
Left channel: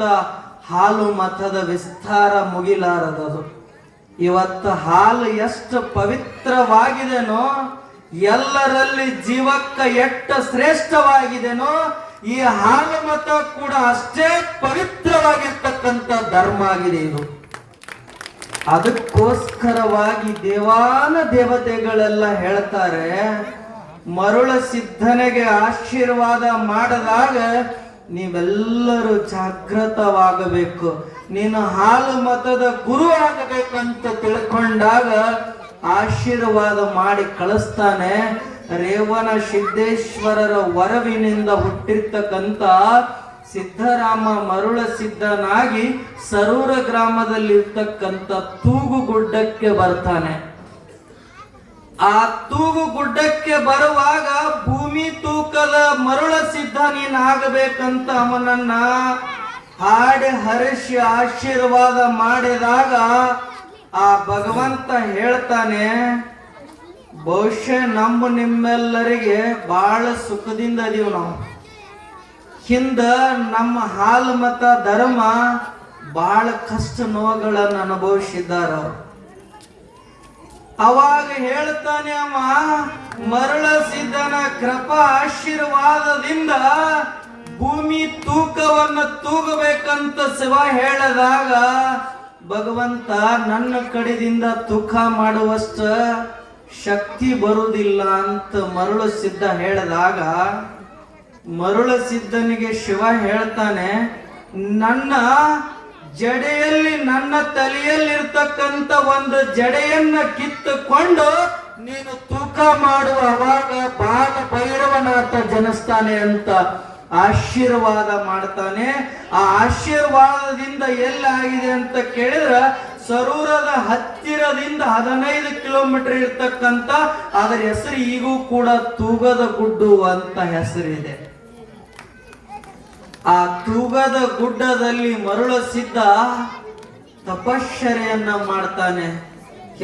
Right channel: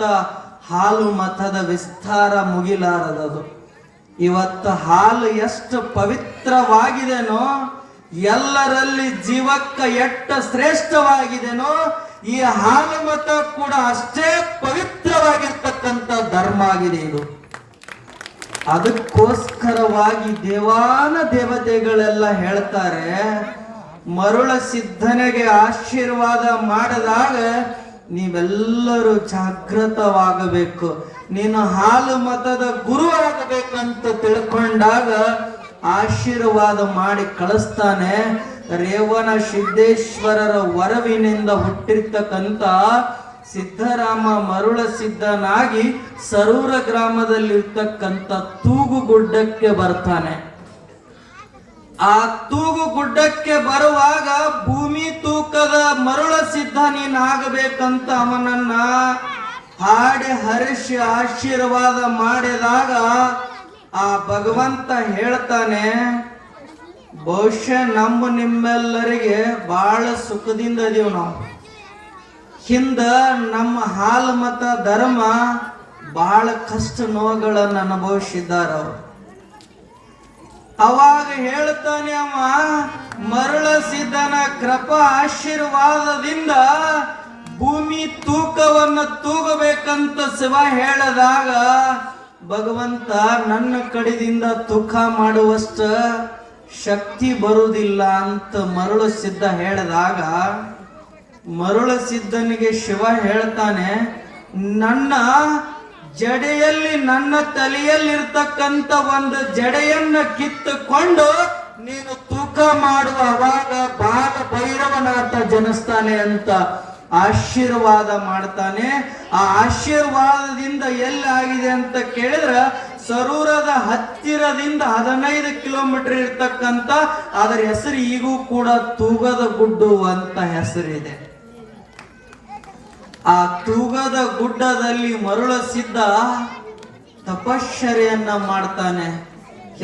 ಹಾಲು ಮತದ ವಿಸ್ತಾರ ಮುಗಿಲಾರದದು. ಇವತ್ತು ಹಾಲು ಎಷ್ಟು ಪವಿತ್ರವಾಗಿದೆನೋ, ಎಲ್ಲರಲ್ಲಿ ಜೀವಕ್ಕ ಎಷ್ಟು ಶ್ರೇಷ್ಠವಾಗಿದೆನೋ, ಈ ಹಾಲು ಮತ ಕೂಡ ಅಷ್ಟೇ ಪವಿತ್ರವಾಗಿರ್ತಕ್ಕಂಥ ಧರ್ಮ ಆಗಿದೆ ಇದು. ಅದಕ್ಕೋಸ್ಕರವಾಗಿ ದೇವಾನ ದೇವತೆಗಳೆಲ್ಲ ಹೇಳ್ತಾರೆ, ಮರುಳ ಸಿದ್ಧನಿಗೆ ಆಶೀರ್ವಾದ ಮಾಡಿದಾಗ ನೀವೆಲ್ಲರೂ ಜಾಗೃತವಾಗಬೇಕು, ನೀನು ಹಾಲು ಮತದ ಗುರು ಆಗಬೇಕಂತ ತಿಳ್ಕೊಂಡಾಗ ಆಶೀರ್ವಾದ ಮಾಡಿ ಕಳಿಸ್ತಾನೆ. ರೇವಣ ಸಿದ್ದೇಶ್ವರರ ವರವಿನಿಂದ ಹುಟ್ಟಿರ್ತಕ್ಕಂಥ ಸಿದ್ಧರಾಮ ಮರುಳ ಸಿದ್ಧನಾಗಿ ಸರೂರ ಗ್ರಾಮದಲ್ಲಿರ್ತಕ್ಕಂಥ ತೂಗುಗುಡ್ಡಕ್ಕೆ ಬರ್ತಾನೆ. ಆ ತೂಗುಗುಡ್ಡಕ್ಕೆ ಬರುವಾಗ ಭೂಮಿ ತೂಕದ ಮರುಳ ಸಿದ್ಧ ನೀನಾಗಬೇಕಂತ ಅವನನ್ನ ಹಾಡಿ ಹರಿಸಿ ಆಶೀರ್ವಾದ ಮಾಡಿದಾಗ ಆ ಭಗವಂತ ಹೇಳ್ತಾನೆ, ಬಹುಶಃ ನಿಮ್ಮೆಲ್ಲರಿಗೆ ಬಹಳ ಸುಖದಿಂದ ಇದೀವಿ ನಾವು. ಹಿಂದ ನಮ್ಮ ಹಾಲು ಮತ ಧರ್ಮ ಬಹಳ ಕಷ್ಟ ನೋವುಗಳನ್ನು ಅನುಭವಿಸಿದ್ದಾರ. ಅವಾಗ ಹೇಳ್ತಾನೆ ಅವ, ಮರುಳ ಸಿದ್ಧನ ಕೃಪಾ ಆಶೀರ್ವಾದದಿಂದ ಭೂಮಿ ತೂಕವನ್ನು ತೂಗಬೇಕಂತ ಶಿವ ಹೇಳಿದಾಗ ಭಗವಂತ ನನ್ನ ಕಡೆಯಿಂದ ತೂಕ ಮಾಡುವಷ್ಟ ಶಕ್ತಿ ಬರುವುದಿಲ್ಲ ಅಂತ ಮರುಳ ಸಿದ್ಧ ಹೇಳಿದಾಗ ಮರುಳ ಸಿದ್ಧನಿಗೆ ಶಿವ ಹೇಳ್ತಾನೆ, ನನ್ನ ಜಡೆಯಲ್ಲಿ ನನ್ನ ತಲೆಯಲ್ಲಿರ್ತಕ್ಕಂಥ ಒಂದು ಜಡೆಯನ್ನ ಕಿತ್ತುಕೊಂಡು ನೀನು ತೂಕ ಮಾಡುವ ಅವಾಗ ಬಾಲ ಭೈರವನಾಥ ಜನಿಸ್ತಾನೆ ಅಂತ ಆಶೀರ್ವಾದ ಮಾಡ್ತಾನೆ. ಆ ಆಶೀರ್ವಾದದಿಂದ ಎಲ್ಲಾಗಿದೆ ಅಂತ ಕೇಳಿದ್ರೆ ಸರೂರದ ಹತ್ತಿರದಿಂದ 15 ಕಿಲೋಮೀಟರ್ ಇರ್ತಕ್ಕಂಥ ಅದರ ಹೆಸರು ಈಗೂ ಕೂಡ ತೂಗದ ಗುಡ್ಡು ಅಂತ ಹೆಸರಿದೆ. ಆ ತೂಗದ ಗುಡ್ಡದಲ್ಲಿ ಮರುಳ ಸಿದ್ಧ ತಪಶ್ಚರ್ಯನ್ನ ಮಾಡ್ತಾನೆ.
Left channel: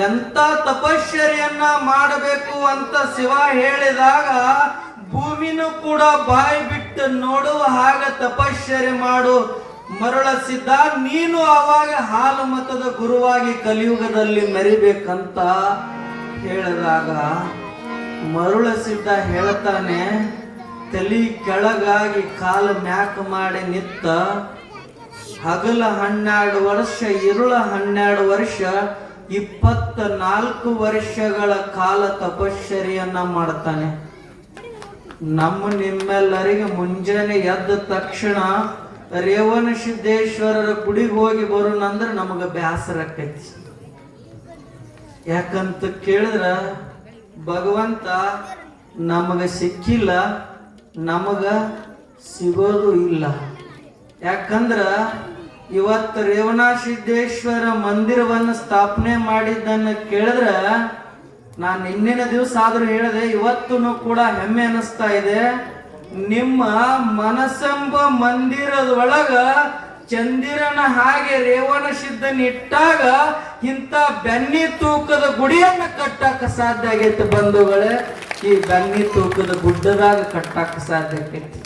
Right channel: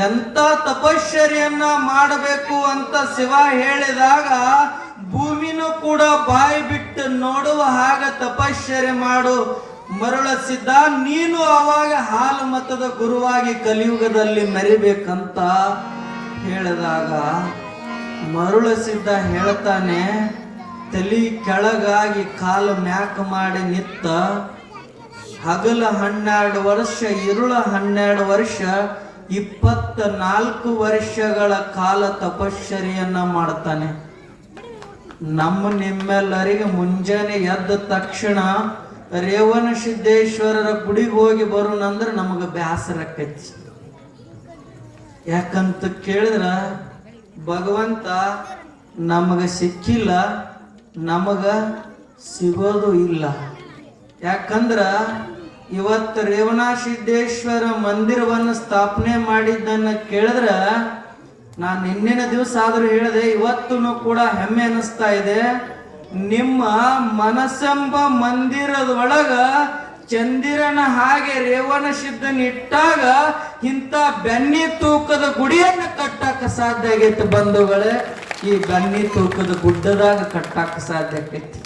ಎಂತ ತಪಶ್ಚರ್ಯನ್ನ ಮಾಡಬೇಕು ಅಂತ ಶಿವ ಹೇಳಿದಾಗ ಭೂಮಿನೂ ಕೂಡ ಬಾಯಿ ಬಿಟ್ಟು ನೋಡುವ ಹಾಗ ತಪಶ್ಚರ್ಯ ಮಾಡು ಮರುಳ ಸಿದ್ಧ, ನೀನು ಅವಾಗ ಹಾಲು ಮತದ ಗುರುವಾಗಿ ಕಲಿಯುಗದಲ್ಲಿ ಮೆರಿಬೇಕಂತ ಹೇಳಿದಾಗ ಮರುಳ ಸಿದ್ಧ ಹೇಳ್ತಾನೆ, ತಲೆ ಕೆಳಗಾಗಿ ಕಾಲು ಮ್ಯಾಕ್ ಮಾಡಿ ನಿತ್ತ ಹಗಲ 12 ವರ್ಷ ಇರುಳ 12 ವರ್ಷ 24 ವರ್ಷಗಳ ಕಾಲ ತಪಶ್ಚರ್ಯನ್ನ ಮಾಡ್ತಾನೆ. ನಿಮ್ಮೆಲ್ಲರಿಗೆ ಮುಂಜಾನೆ ಎದ್ದ ತಕ್ಷಣ ರೇವಣ ಸಿದ್ದೇಶ್ವರರ ಗುಡಿಗೆ ಹೋಗಿ ಬರೋಣಂದ್ರೆ ನಮಗ ಬ್ಯಾಸರ ಆಕೈತಿ. ಯಾಕಂತ ಕೇಳಿದ್ರ ಭಗವಂತ ನಮಗ ಸಿಕ್ಕಿಲ್ಲ, ನಮಗ ಸಿಗೋದು ಇಲ್ಲ. ಯಾಕಂದ್ರ ಇವತ್ತು ರೇವಣ ಸಿದ್ದೇಶ್ವರ ಮಂದಿರವನ್ನು ಸ್ಥಾಪನೆ ಮಾಡಿದ್ದನ್ನು ಕೇಳಿದ್ರ ನಾನು ನಿನ್ನಿನ ದಿವಸ ಆದ್ರೂ ಹೇಳಿದೆ, ಇವತ್ತೂ ಕೂಡ ಹೆಮ್ಮೆ ಅನಿಸ್ತಾ ಇದೆ. ನಿಮ್ಮ ಮನಸ್ಸೆಂಬ ಮಂದಿರದೊಳಗ ಚಂದಿರನ ಹಾಗೆ ರೇವಣ ಸಿದ್ಧನ ಇಟ್ಟಾಗ ಇಂಥ ಬೆನ್ನಿ ತೂಕದ ಗುಡಿಯನ್ನು ಕಟ್ಟಕ್ಕೆ ಸಾಧ್ಯ ಆಗೈತಿ ಬಂಧುಗಳೇ. ಈ ಬೆನ್ನಿ ತೂಕದ ಗುಡ್ಡದಾಗ ಕಟ್ಟಕ್ಕೆ ಸಾಧ್ಯ ಆಗೈತಿ.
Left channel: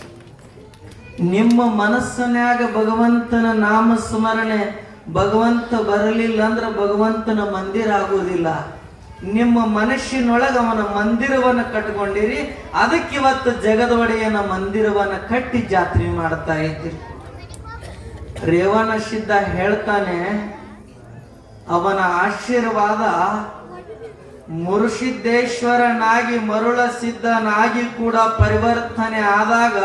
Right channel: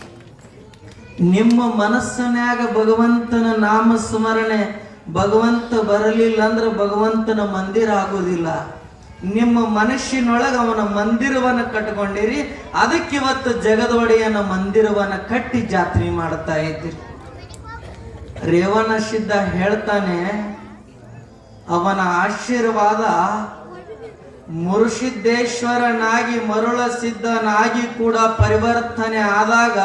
ನಿಮ್ಮ ಮನಸ್ಸನ್ಯಾಗ ಭಗವಂತನ ನಾಮ ಸ್ಮರಣೆ ಭಗವಂತ ಬರಲಿಲ್ಲ ಅಂದ್ರೆ ಭಗವಂತನ ಮಂದಿರ ಆಗೋದಿಲ್ಲ. ನಿಮ್ಮ ಮನಸ್ಸಿನೊಳಗೆ ಅವನ ಮಂದಿರವನ್ನ ಕಟ್ಕೊಂಡಿರಿ. ಅದಕ್ಕಿವತ್ತು ಜಗದ ಒಡೆಯನ ಮಂದಿರವನ್ನ ಕಟ್ಟಿ ಜಾತ್ರೆ ಮಾಡ್ತಾ ಇದ್ದೀರಿ. ರೇವಣ ಸಿದ್ಧ ಹೇಳ್ತಾನೆ, ಅವನ ಆಶೀರ್ವಾದ ಮುರುಸಿದ್ದೇಶ್ವರನಾಗಿ ಮರುಳ ಸಿದ್ಧನಾಗಿ ಕೂಡ ಪರಿವರ್ತನೆ ಆದಾಗ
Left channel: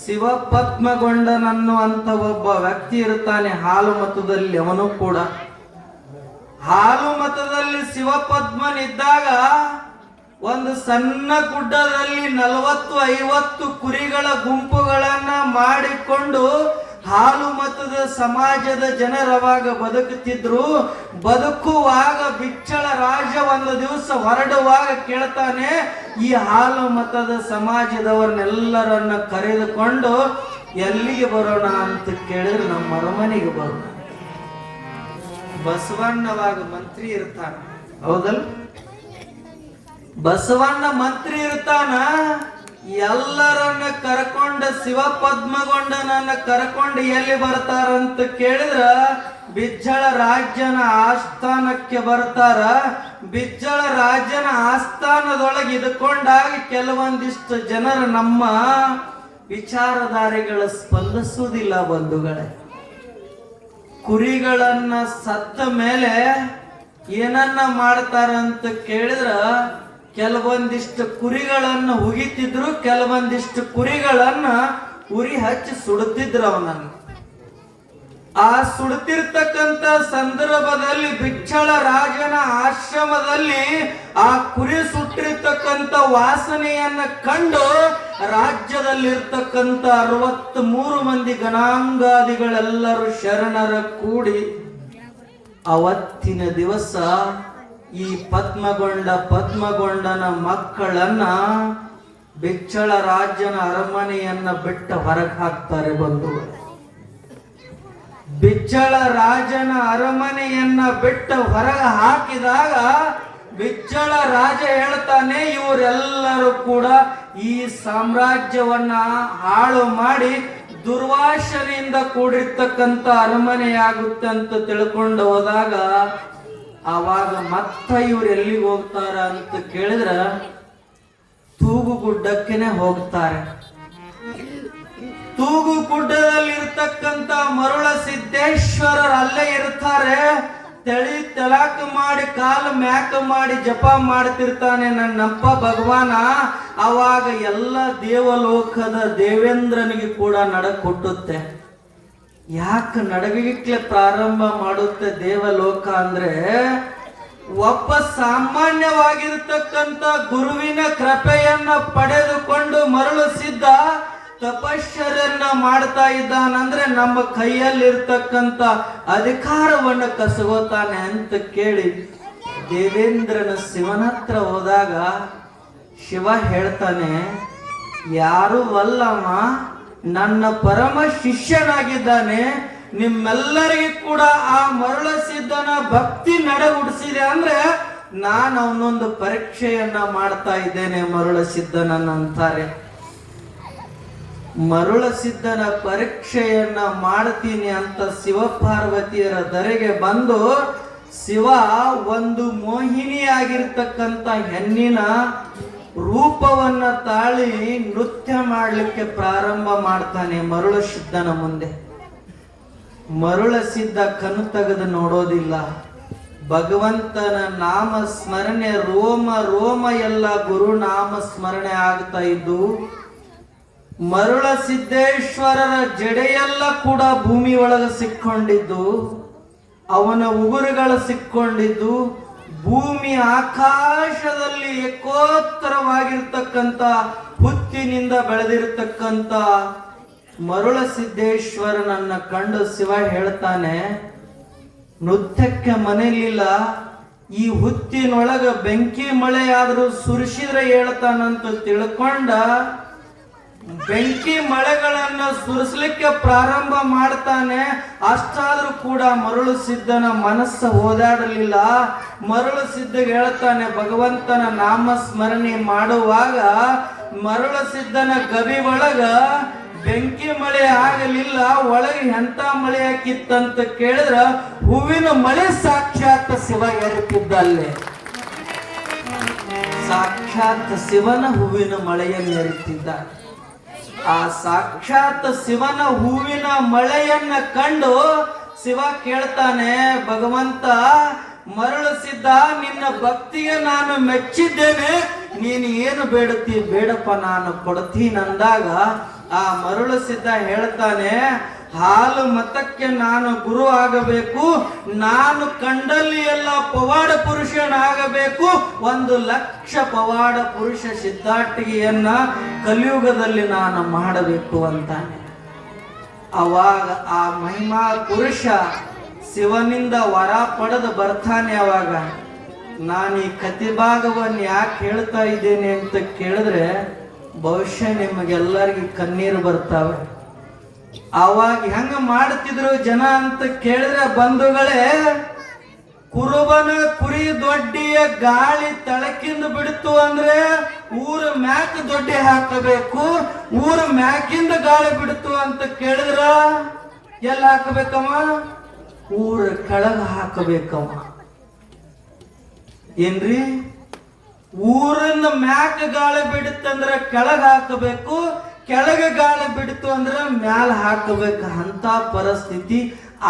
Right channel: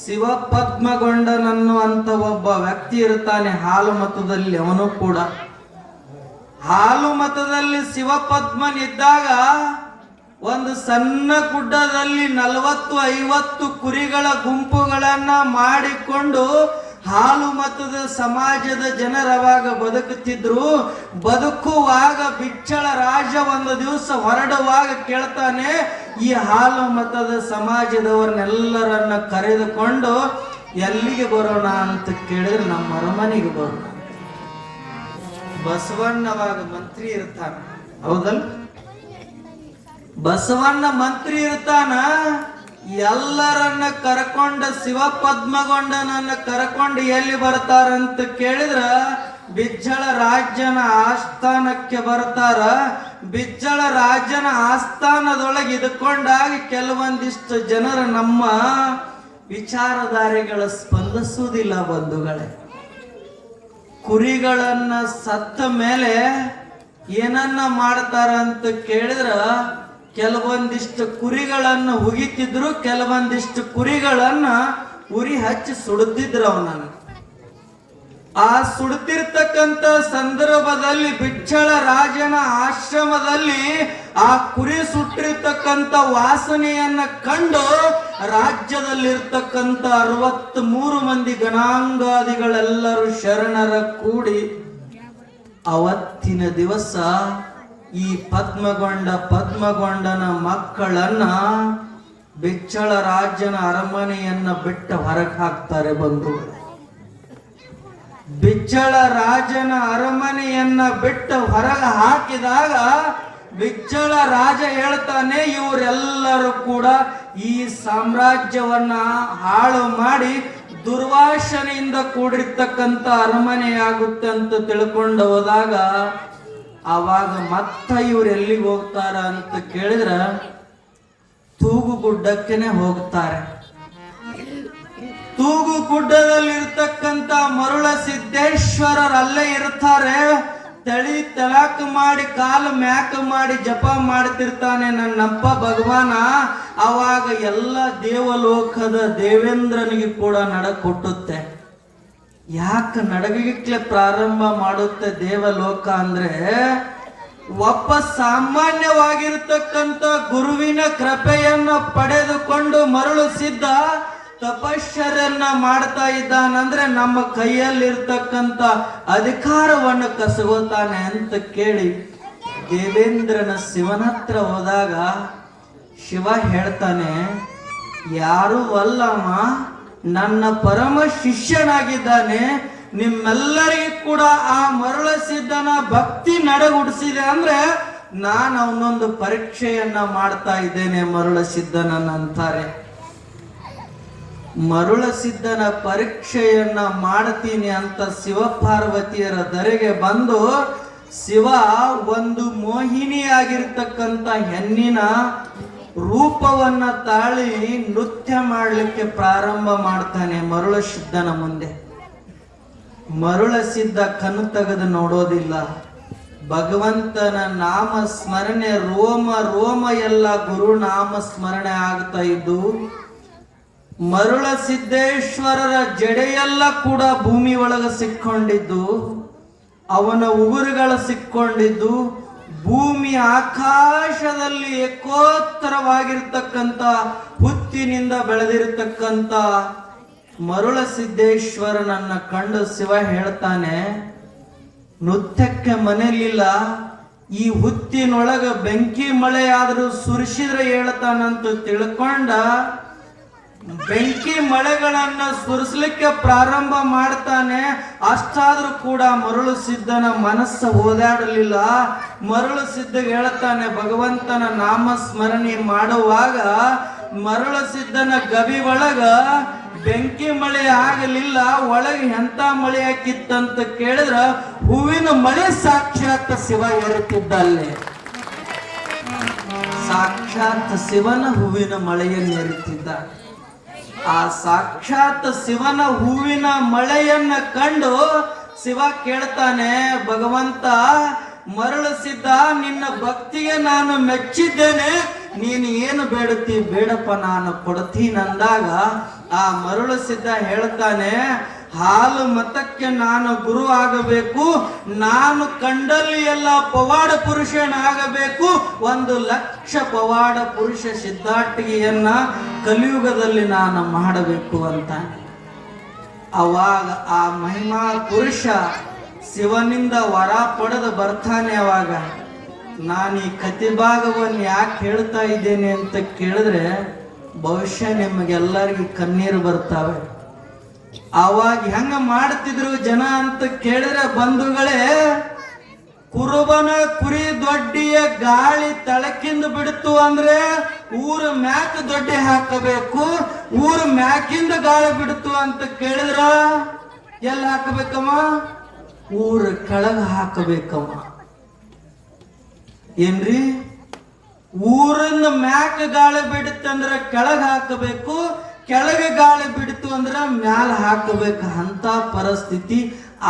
ಶಿವಪದ್ಮಗೊಂಡನನ್ನುವಂತ ಒಬ್ಬ ವ್ಯಕ್ತಿ ಇರ್ತಾನೆ ಹಾಲು ಮತದಲ್ಲಿ. ಅವನು ಕೂಡ ಹಾಲು ಮತದಲ್ಲಿ ಶಿವಪದ್ಮನಿದ್ದಾಗ ಒಂದು ಸಣ್ಣ ಗುಡ್ಡದಲ್ಲಿ 40-50 ಕುರಿಗಳ ಗುಂಪುಗಳನ್ನ ಮಾಡಿಕೊಂಡು ಹಾಲು ಮತದ ಸಮಾಜದ ಜನರವಾಗ ಬದುಕುತ್ತಿದ್ರು. ಬದುಕುವಾಗ ಬಿಚ್ಚಳ ರಾಜ ಒಂದು ದಿವಸ ಹೊರಡುವಾಗ ಕೇಳ್ತಾನೆ, ಈ ಹಾಲು ಮತದ ಸಮಾಜದವರನ್ನೆಲ್ಲರನ್ನ ಕರೆದುಕೊಂಡು ಎಲ್ಲಿಗೆ ಬರೋಣ ಅಂತ ಕೇಳಿದ್ರೆ ನಮ್ಮ ಅರಮನೆಗೆ ಬರೋಣ. ಬಸವಣ್ಣವಾಗ ಮಂತ್ರಿ ಇರ್ತಾನ, ಹೌದಲ್? ಬಸವಣ್ಣ ಮಂತ್ರಿ ಇರ್ತಾನ. ಎಲ್ಲರನ್ನ ಕರ್ಕೊಂಡ ಶಿವಪದ್ಮಗೊಂಡನನ್ನ ಕರ್ಕೊಂಡು ಎಲ್ಲಿ ಬರ್ತಾರಂತ ಕೇಳಿದ್ರ ಬಿಜ್ಜಳ ರಾಜನ ಆಸ್ಥಾನಕ್ಕೆ ಬರ್ತಾರ. ಬಿಜ್ಜಳ ರಾಜನ ಆಸ್ಥಾನದೊಳಗೆ ಇದ್ಕೊಂಡಾಗಿ ಕೆಲವೊಂದಿಷ್ಟು ಜನರು ನಮ್ಮ ವಿಚಾರಧಾರೆಗಳ ಸ್ಪಂದಿಸುವುದಿಲ್ಲ ಬಂಧುಗಳೇ. ಕುರಿಗಳನ್ನ ಸತ್ತ ಮೇಲೆ ಏನನ್ನ ಮಾಡ್ತಾರ ಅಂತ ಕೇಳಿದ್ರ ಕೆಲವೊಂದಿಷ್ಟು ಕುರಿಗಳನ್ನ ಹುಗಿತಿದ್ರು, ಕೆಲವೊಂದಿಷ್ಟು ಕುರಿಗಳನ್ನ ಉರಿ ಹಚ್ಚಿ ಸುಡುತ್ತಿದ್ರು ಅವನನ್ನು. ಆ ಸುಡ್ತಿರ್ತಕ್ಕಂಥ ಸಂದರ್ಭದಲ್ಲಿ ಬಿಚ್ಚಳ ರಾಜನ ಆಶ್ರಮದಲ್ಲಿ ಆ ಕುರಿ ಸುಟ್ಟಿರ್ತಕ್ಕಂಥ ವಾಸನೆಯನ್ನ ಕಂಡು ರಾಜ್ಯದಲ್ಲಿರ್ತಕ್ಕಂಥ 63 ಮಂದಿ ಗಣಾಂಗಾದಿಗಳೆಲ್ಲರೂ ಶರಣರ ಕೂಡಿ ಅವತ್ತಿನ ದಿವಸ ಈ ಪದ್ಮಗೊಂಡನ ಮಕ್ಕಳನ್ನ ಬಿಚ್ಚಳ ರಾಜನ ಅರಮನೆಯನ್ನ ಬಿಟ್ಟ ಹೊರಗೆ ಹಾಕ್ತಾರೆ. ಬಂಧುಗಳು, ಬಿಚ್ಚಳ ರಾಜನ ಅರಮನೆಯನ್ನ ಬಿಟ್ಟು ಹೊರಗೆ ಹಾಕಿದಾಗ ಬಿಚ್ಚಳ ರಾಜ ಹೇಳ್ತಾನೆ, ಇವರೆಲ್ಲರೂ ಕೂಡ ಈ ಸಾಮ್ರಾಜ್ಯವನ್ನ ಹಾಳು ಮಾಡಿ ದುರ್ವಾಸನೆಯಿಂದ ಕೂಡಿರ್ತಕ್ಕಂಥ ಅರಮನೆಯಾಗುತ್ತೆ ಅಂತ ತಿಳ್ಕೊಂಡು ಹೋದಾಗ ಆವಾಗ ಮತ್ತ ಇವ್ರು ಎಲ್ಲಿಗೆ ಹೋಗ್ತಾರ ಅಂತ ಕೇಳಿದ್ರ ತೂಗುಗುಡ್ಡಕ್ಕೆನೆ ಹೋಗ್ತಾರೆ. ತೂಗುಗುಡ್ಡದಲ್ಲಿ ಇರ್ತಕ್ಕಂಥ ಮರುಳ ಸಿದ್ದೇಶ್ವರರು ಅಲ್ಲೇ ಇರ್ತಾರೆ. ತೆಳಾಕ ಮಾಡಿ ಕಾಲು ಮ್ಯಾಕ ಮಾಡಿ ಜಪ ಮಾಡ್ತಿರ್ತಾನೆ ನನ್ನಪ್ಪ ಭಗವಾನ. ಅವಾಗ ಎಲ್ಲ ದೇವಲೋಕದ ದೇವೇಂದ್ರನಿಗೆ ಕೂಡ ನಡಕೊಟ್ಟುತ್ತೆ. ಯಾಕೆ ನಡಗಲಿಕ್ಕೆ ಪ್ರಾರಂಭ ಮಾಡುತ್ತೆ ದೇವಲೋಕ ಅಂದ್ರೆ, ಒಬ್ಬ ಸಾಮಾನ್ಯವಾಗಿರ್ತಕ್ಕಂಥ ಗುರುವಿನ ಕೃಪೆಯನ್ನ ಪಡೆದುಕೊಂಡು ಮರುಳು ಸಿದ್ಧ ತಪಶ್ಚರ್ಯನ್ನ ಮಾಡ್ತಾ ಇದ್ದಾನಂದ್ರೆ ನಮ್ಮ ಕೈಯಲ್ಲಿರ್ತಕ್ಕಂಥ ಅಧಿಕಾರವನ್ನು ಕಸಗೋತಾನೆ ಅಂತ ಕೇಳಿ ದೇವೇಂದ್ರನ ಶಿವನ ಹತ್ರ ಹೋದಾಗ ಶಿವ ಹೇಳ್ತಾನೆ, ಯಾರು ಅಲ್ಲಮ್ಮ, ನನ್ನ ಪರಮ ಶಿಷ್ಯನಾಗಿದ್ದಾನೆ. ನಿಮ್ಮೆಲ್ಲರಿಗೂ ಕೂಡ ಆ ಮರುಳ ಸಿದ್ಧನ ಭಕ್ತಿ ನಡೆಗುಡಿಸಿದೆ ಅಂದ್ರೆ ನಾನು ಅವನೊಂದು ಪರೀಕ್ಷೆಯನ್ನ ಮಾಡ್ತಾ ಇದ್ದೇನೆ ಮರುಳ ಸಿದ್ಧನಂತಾರೆ. ಮರುಳ ಸಿದ್ಧನ ಪರೀಕ್ಷೆಯನ್ನ ಮಾಡ್ತೀನಿ ಅಂತ ಶಿವ ಪಾರ್ವತಿಯರ ಧರೆಗೆ ಬಂದು ಶಿವ ಒಂದು ಮೋಹಿನಿಯಾಗಿರ್ತಕ್ಕಂಥ ಹೆಣ್ಣಿನ ರೂಪವನ್ನ ತಾಳಿ ನೃತ್ಯ ಮಾಡಲಿಕ್ಕೆ ಪ್ರಾರಂಭ ಮಾಡ್ತಾನೆ ಮರುಳ ಸಿದ್ಧನ ಮುಂದೆ. ಮರುಳ ಸಿದ್ಧ ಕಣ್ಣು ತೆಗೆದು ನೋಡೋದಿಲ್ಲ. ಭಗವಂತನ ನಾಮ ಸ್ಮರಣೆ ರೋಮ ಎಲ್ಲ ಗುರುನಾಮ ಸ್ಮರಣೆ ಆಗ್ತಾ ಇದ್ದು ಮರುಳ ಸಿದ್ದೇಶ್ವರರ ಜಡೆಯೆಲ್ಲ ಕೂಡ ಭೂಮಿ ಒಳಗೆ ಸಿಕ್ಕೊಂಡಿದ್ದು, ಅವನ ಉಗುರುಗಳು ಸಿಕ್ಕೊಂಡಿದ್ದು, ಭೂಮಿ ಆಕಾಶದಲ್ಲಿ ಏಕೋತ್ತರವಾಗಿರ್ತಕ್ಕಂಥ ಹುತ್ತಿನಿಂದ ಬೆಳೆದಿರತಕ್ಕಂಥ ಮರುಳ ಸಿದ್ದೇಶ್ವರನನ್ನ ಕಂಡು ಶಿವ ಹೇಳ್ತಾನೆ, ನೃತ್ಯಕ್ಕೆ ಮನೆಯಲ್ಲಿಲ್ಲ, ಈ ಹುತ್ತಿನೊಳಗ ಬೆಂಕಿ ಮಳೆ ಆದರೂ ಸುರಿಸಿದ್ರೆ ಹೇಳ್ತಾನಂತ ತಿಳ್ಕೊಂಡ ಬೆಂಕಿ ಮಳೆಗಳನ್ನ ಸುರಿಸ್ಲಿಕ್ಕೆ ಪ್ರಾರಂಭ ಮಾಡ್ತಾನೆ. ಅಷ್ಟಾದ್ರೂ ಕೂಡ ಮರುಳು ಸಿದ್ಧನ ಮನಸ್ಸು ಓದಾಡಲಿಲ್ಲ. ಮರುಳು ಸಿದ್ಧ ಹೇಳ್ತಾನೆ, ಭಗವಂತನ ನಾಮ ಸ್ಮರಣೆ ಮಾಡುವಾಗ ಮರುಳ ಸಿದ್ಧನ ಗವಿ ಒಳಗ ಬೆಂಕಿ ಮಳೆ ಆಗಲಿಲ್ಲ, ಒಳಗೆ ಎಂತ ಮಳೆ ಹಾಕಿತ್ತಂತ ಕೇಳಿದ್ರ ಹೂವಿನ ಮಳೆ ಸಾಕ್ಷಾತ್ ಶಿವ ಏರುತ್ತಿದ್ದಲ್ಲೇ. ಸಾಕ್ಷಾತ್ ಶಿವನ ಹೂವಿನ ಮಳೆಯನ್ನು ಏರುತ್ತಿದ್ದ. ಆ ಸಾಕ್ಷಾತ್ ಶಿವನ ಹೂವಿನ ಮಳೆಯನ್ನ ಕಂಡು ಶಿವ ಕೇಳ್ತಾನೆ, ಭಗವಂತ ಮರುಳು ಸಿದ್ಧ, ನಿನ್ನ ಭಕ್ತಿಗೆ ನಾನು ಮೆಚ್ಚಿದ್ದೇನೆ, ನೀನು ಏನು ಬೇಡುತ್ತಿ ಬೇಡಪ್ಪ ನಾನು ಕೊಡ್ತೀನಂದಾಗ ಆ ಮರುಳು ಸಿದ್ಧ ಹೇಳ್ತಾನೆ, ಹಾಲು ಮತಕ್ಕೆ ನಾನು ಗುರು ಆಗಬೇಕು, ನಾನು ಕಂಡಲ್ಲಿ ಎಲ್ಲ ಪವಾಡ ಪುರುಷನಾಗಬೇಕು, 1,00,000 ಪವಾಡ ಪುರುಷ ಸಿದ್ಧಾಟಿಗೆಯನ್ನ ಕಲಿಯುಗದಲ್ಲಿ ನಾನು ಮಾಡಬೇಕು ಅಂತ. ಅವಾಗ ಆ ಮಹಿಮಾ ಪುರುಷ ಶಿವನಿಂದ ವರ ಪಡೆದು ಬರ್ತಾನೆ. ಅವಾಗ ನಾನು ಈ ಕಥೆ ಭಾಗವನ್ನು ಯಾಕೆ ಹೇಳ್ತಾ ಇದ್ದೇನೆ ಅಂತ ಕೇಳಿದ್ರೆ ಬಹುಶಃ ನಿಮಗೆಲ್ಲರಿಗೂ ಕಣ್ಣೀರು ಬರ್ತಾವೆ. ಅವಾಗ ಹೆಂಗ ಮಾಡ್ತಿದ್ರು ಜನ ಅಂತ ಕೇಳಿದ್ರೆ ಬಂಧುಗಳೇ, ಕುರುಬನ ಕುರಿ ದೊಡ್ಡಿಯ ಗಾಳಿ ತಳಕಿಂದ ಬಿಡ್ತು ಅಂದ್ರೆ ಊರ ಮ್ಯಾಕ ದೊಡ್ಡಿ ಹಾಕಬೇಕು, ಊರ ಮ್ಯಾಕಿಂದ ಗಾಳಿ ಬಿಡ್ತು ಅಂತ ಕೇಳಿದ್ರ ಎಲ್ಲ ಹಾಕಬೇಕಮ್ಮ, ಊರ ಕೆಳಗ ಹಾಕಬೇಕಮ್ಮ. ಏನ್ರಿ, ಊರನ್ನ ಮ್ಯಾಕ ಗಾಳಿ ಬಿಡುತ್ತಂದ್ರ ಕೆಳಗ ಹಾಕಬೇಕು, ಕೆಳಗೆ ಗಾಳಿ ಬಿಡ್ತು ಅಂದ್ರೆ ಮ್ಯಾಲ ಹಾಕಬೇಕು. ಅಂತ ಪರಿಸ್ಥಿತಿ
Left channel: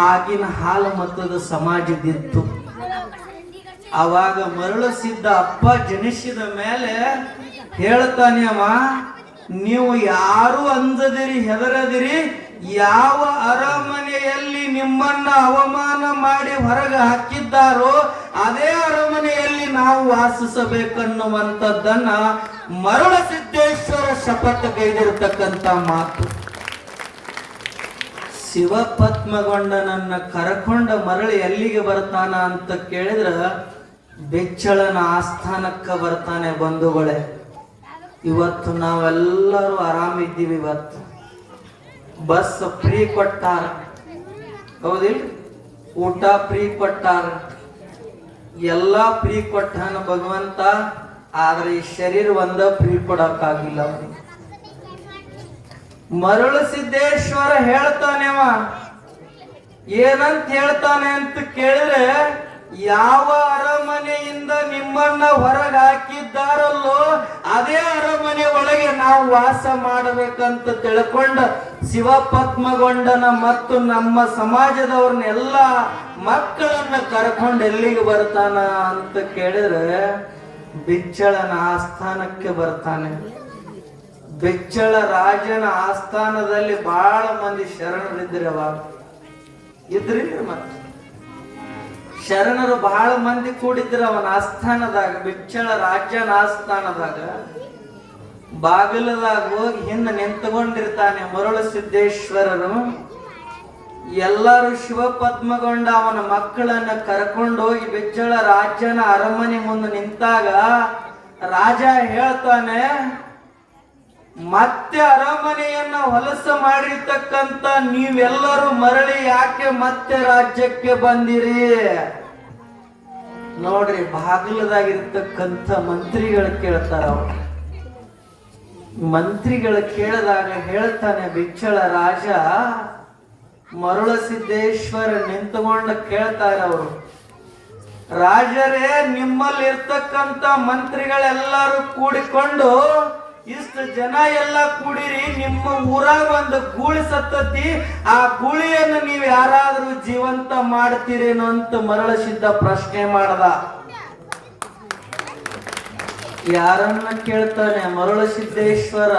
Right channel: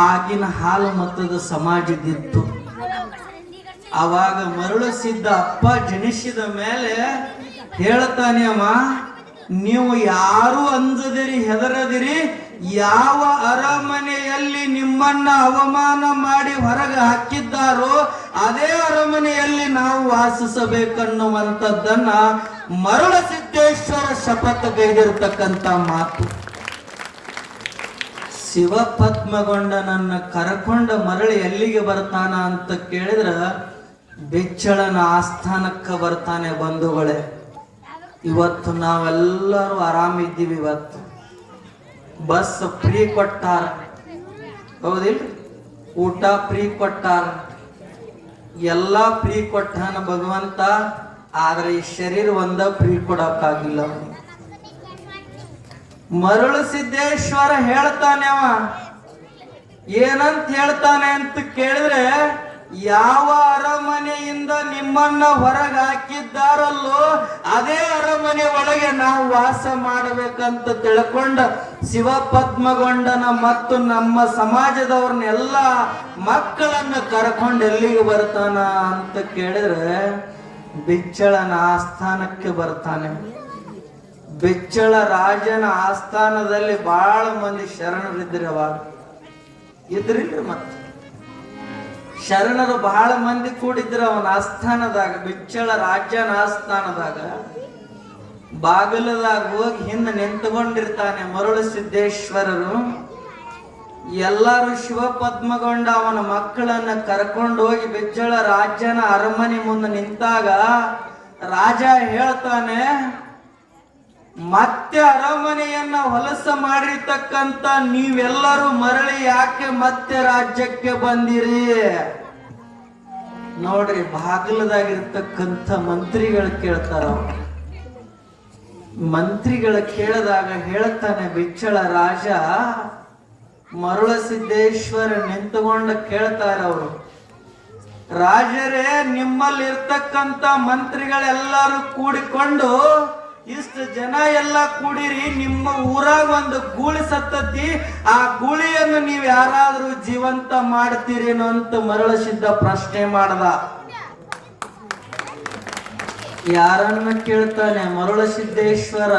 ಆಗಿನ ಹಾಲು ಮತದ ಸಮಾಜದಿತ್ತು. ಅವಾಗ ಮರುಳು ಸಿದ್ಧ ಅಪ್ಪ ಜನಿಸಿದ ಮೇಲೆ ಹೇಳ್ತಾನೆ, ಅವ ನೀವು ಯಾರು ಅಂಜದಿರಿ ಹೆದರದಿರಿ, ಯಾವ ಅರಮನೆಯಲ್ಲಿ ಅರಮನೆಯಲ್ಲಿ ನಿಮ್ಮನ್ನ ಅವಮಾನ ಮಾಡಿ ಹೊರಗೆ ಹಾಕಿದ್ದಾರೋ ಅದೇ ಅರಮನೆಯಲ್ಲಿ ನಾವು ವಾಸಿಸಬೇಕನ್ನುವಂಥದ್ದನ್ನ ಮರುಳಸಿದ್ದೇಶ್ವರ ಶಪಥಗೈದಿರ್ತಕ್ಕಂಥ ಮಾತು. ಶಿವ ಪದ್ಮಗೊಂಡನನ್ನ ಕರಕೊಂಡ ಮರಳಿ ಎಲ್ಲಿಗೆ ಬರ್ತಾನ ಅಂತ ಕೇಳಿದ್ರ ಬೆಚ್ಚಳನ ಆಸ್ಥಾನಕ್ಕ ಬರ್ತಾನೆ. ಬಂಧುಗಳೇ, ಇವತ್ತು ನಾವೆಲ್ಲರೂ ಆರಾಮಿದ್ದೀವಿ. ಇವತ್ತು ಬಸ್ ಫ್ರೀ ಕೊಟ್ಟಾರ, ಹೌದಿಲ್ಲ? ಊಟ ಫ್ರೀ ಕೊಟ್ಟಾರ, ಎಲ್ಲಾ ಫ್ರೀ ಕೊಟ್ಟಾನ ಭಗವಂತ. ಆದ್ರೆ ಈ ಶರೀರ ಒಂದ ಫ್ರೀ ಕೊಡಕ್ಕಾಗಿಲ್ಲ. ಮರುಳು ಸಿದ್ದೇಶ್ವರ ಹೇಳ್ತಾನೆ, ಅವ ಏನಂತ ಹೇಳ್ತಾನೆ ಅಂತ ಕೇಳಿದ್ರೆ, ಯಾವ ಅರಮನೆಯಿಂದ ನಿಮ್ಮನ್ನ ಹೊರಗೆ ಹಾಕಿದ್ದಾರಲ್ಲೋ ಅದೇ ಅರಮನೆ ಒಳಗೆ ನಾವು ವಾಸ ಮಾಡಬೇಕಂತ ತಿಳ್ಕೊಂಡ ಶಿವ ಪದ್ಮಗೊಂಡನ ಮತ್ತು ನಮ್ಮ ಸಮಾಜದವ್ರನ್ನೆಲ್ಲ ಮಕ್ಕಳನ್ನ ಕರ್ಕೊಂಡು ಎಲ್ಲಿಗೆ ಬರ್ತಾನ ಅಂತ ಕೇಳಿದ್ರೆ ಬೆಚ್ಚಳನ ಆಸ್ಥಾನಕ್ಕೆ ಬರ್ತಾನೆ. ಬೆಚ್ಚಳ ರಾಜನ ಆಸ್ಥಾನದಲ್ಲಿ ಬಹಳ ಮಂದಿ ಶರಣರಿದ್ರೆ ಇದ್ರಿಲ್ಲ. ಮತ್ತೆ ಶರಣರು ಬಹಳ ಮಂದಿ ಕೂಡಿದ್ರ ಅವನ ಆಸ್ಥಾನದಾಗ, ಬೆಚ್ಚಳ ರಾಜನ ಆಸ್ಥಾನದಾಗ. ಬಾಗಿಲದಾಗ ಹೋಗಿ ಹಿಂದೆ ನಿಂತುಕೊಂಡಿರ್ತಾನೆ ಮರುಳು ಸಿದ್ದೇಶ್ವರರು. ಎಲ್ಲರೂ ಶಿವ ಪದ್ಮಗೊಂಡ ಅವನ ಮಕ್ಕಳನ್ನ ಕರ್ಕೊಂಡು ಹೋಗಿ ಬೆಚ್ಚಳ ರಾಜನ ಅರಮನೆ ಮುಂದೆ ನಿಂತಾಗ ರಾಜ ಹೇಳ್ತಾನೆ, ಮತ್ತೆ ಅರಮನೆಯನ್ನ ಹೊಲಸ ಮಾಡಿರ್ತಕ್ಕಂತ ನೀವೆಲ್ಲರೂ ಮರಳಿ ಯಾಕೆ ಮತ್ತೆ ರಾಜ್ಯಕ್ಕೆ ಬಂದಿರಿ? ನೋಡ್ರಿ, ಬಾಗಿಲದಾಗಿರ್ತಕ್ಕಂಥ ಮಂತ್ರಿಗಳು ಕೇಳ್ತಾರ. ಮಂತ್ರಿಗಳು ಕೇಳಿದಾಗ ಹೇಳ್ತಾನೆ ಬೆಚ್ಚಳ ರಾಜ, ಮರುಳ ಸಿದ್ದೇಶ್ವರ ನಿಂತುಕೊಂಡು ಕೇಳ್ತಾರ ಅವರು, ರಾಜರೇ, ನಿಮ್ಮಲ್ಲಿ ಇರ್ತಕ್ಕಂಥ ಮಂತ್ರಿಗಳೆಲ್ಲರೂ ಕೂಡಿಕೊಂಡು ಇಷ್ಟು ಜನ ಎಲ್ಲ ಕೂಡಿರಿ, ನಿಮ್ಮ ಊರಾಗ ಒಂದು ಗೂಳಿ ಸತ್ತತಿ, ಆ ಗೂಳಿಯನ್ನು ನೀವು ಯಾರಾದ್ರೂ ಜೀವಂತ ಮಾಡ್ತೀರೇನೋ ಅಂತ ಮರಳಸಿದ್ದ ಪ್ರಶ್ನೆ ಮಾಡ್ದ. ಯಾರನ್ನ ಕೇಳ್ತಾನೆ? ಮರುಳು ಸಿದ್ದೇಶ್ವರ.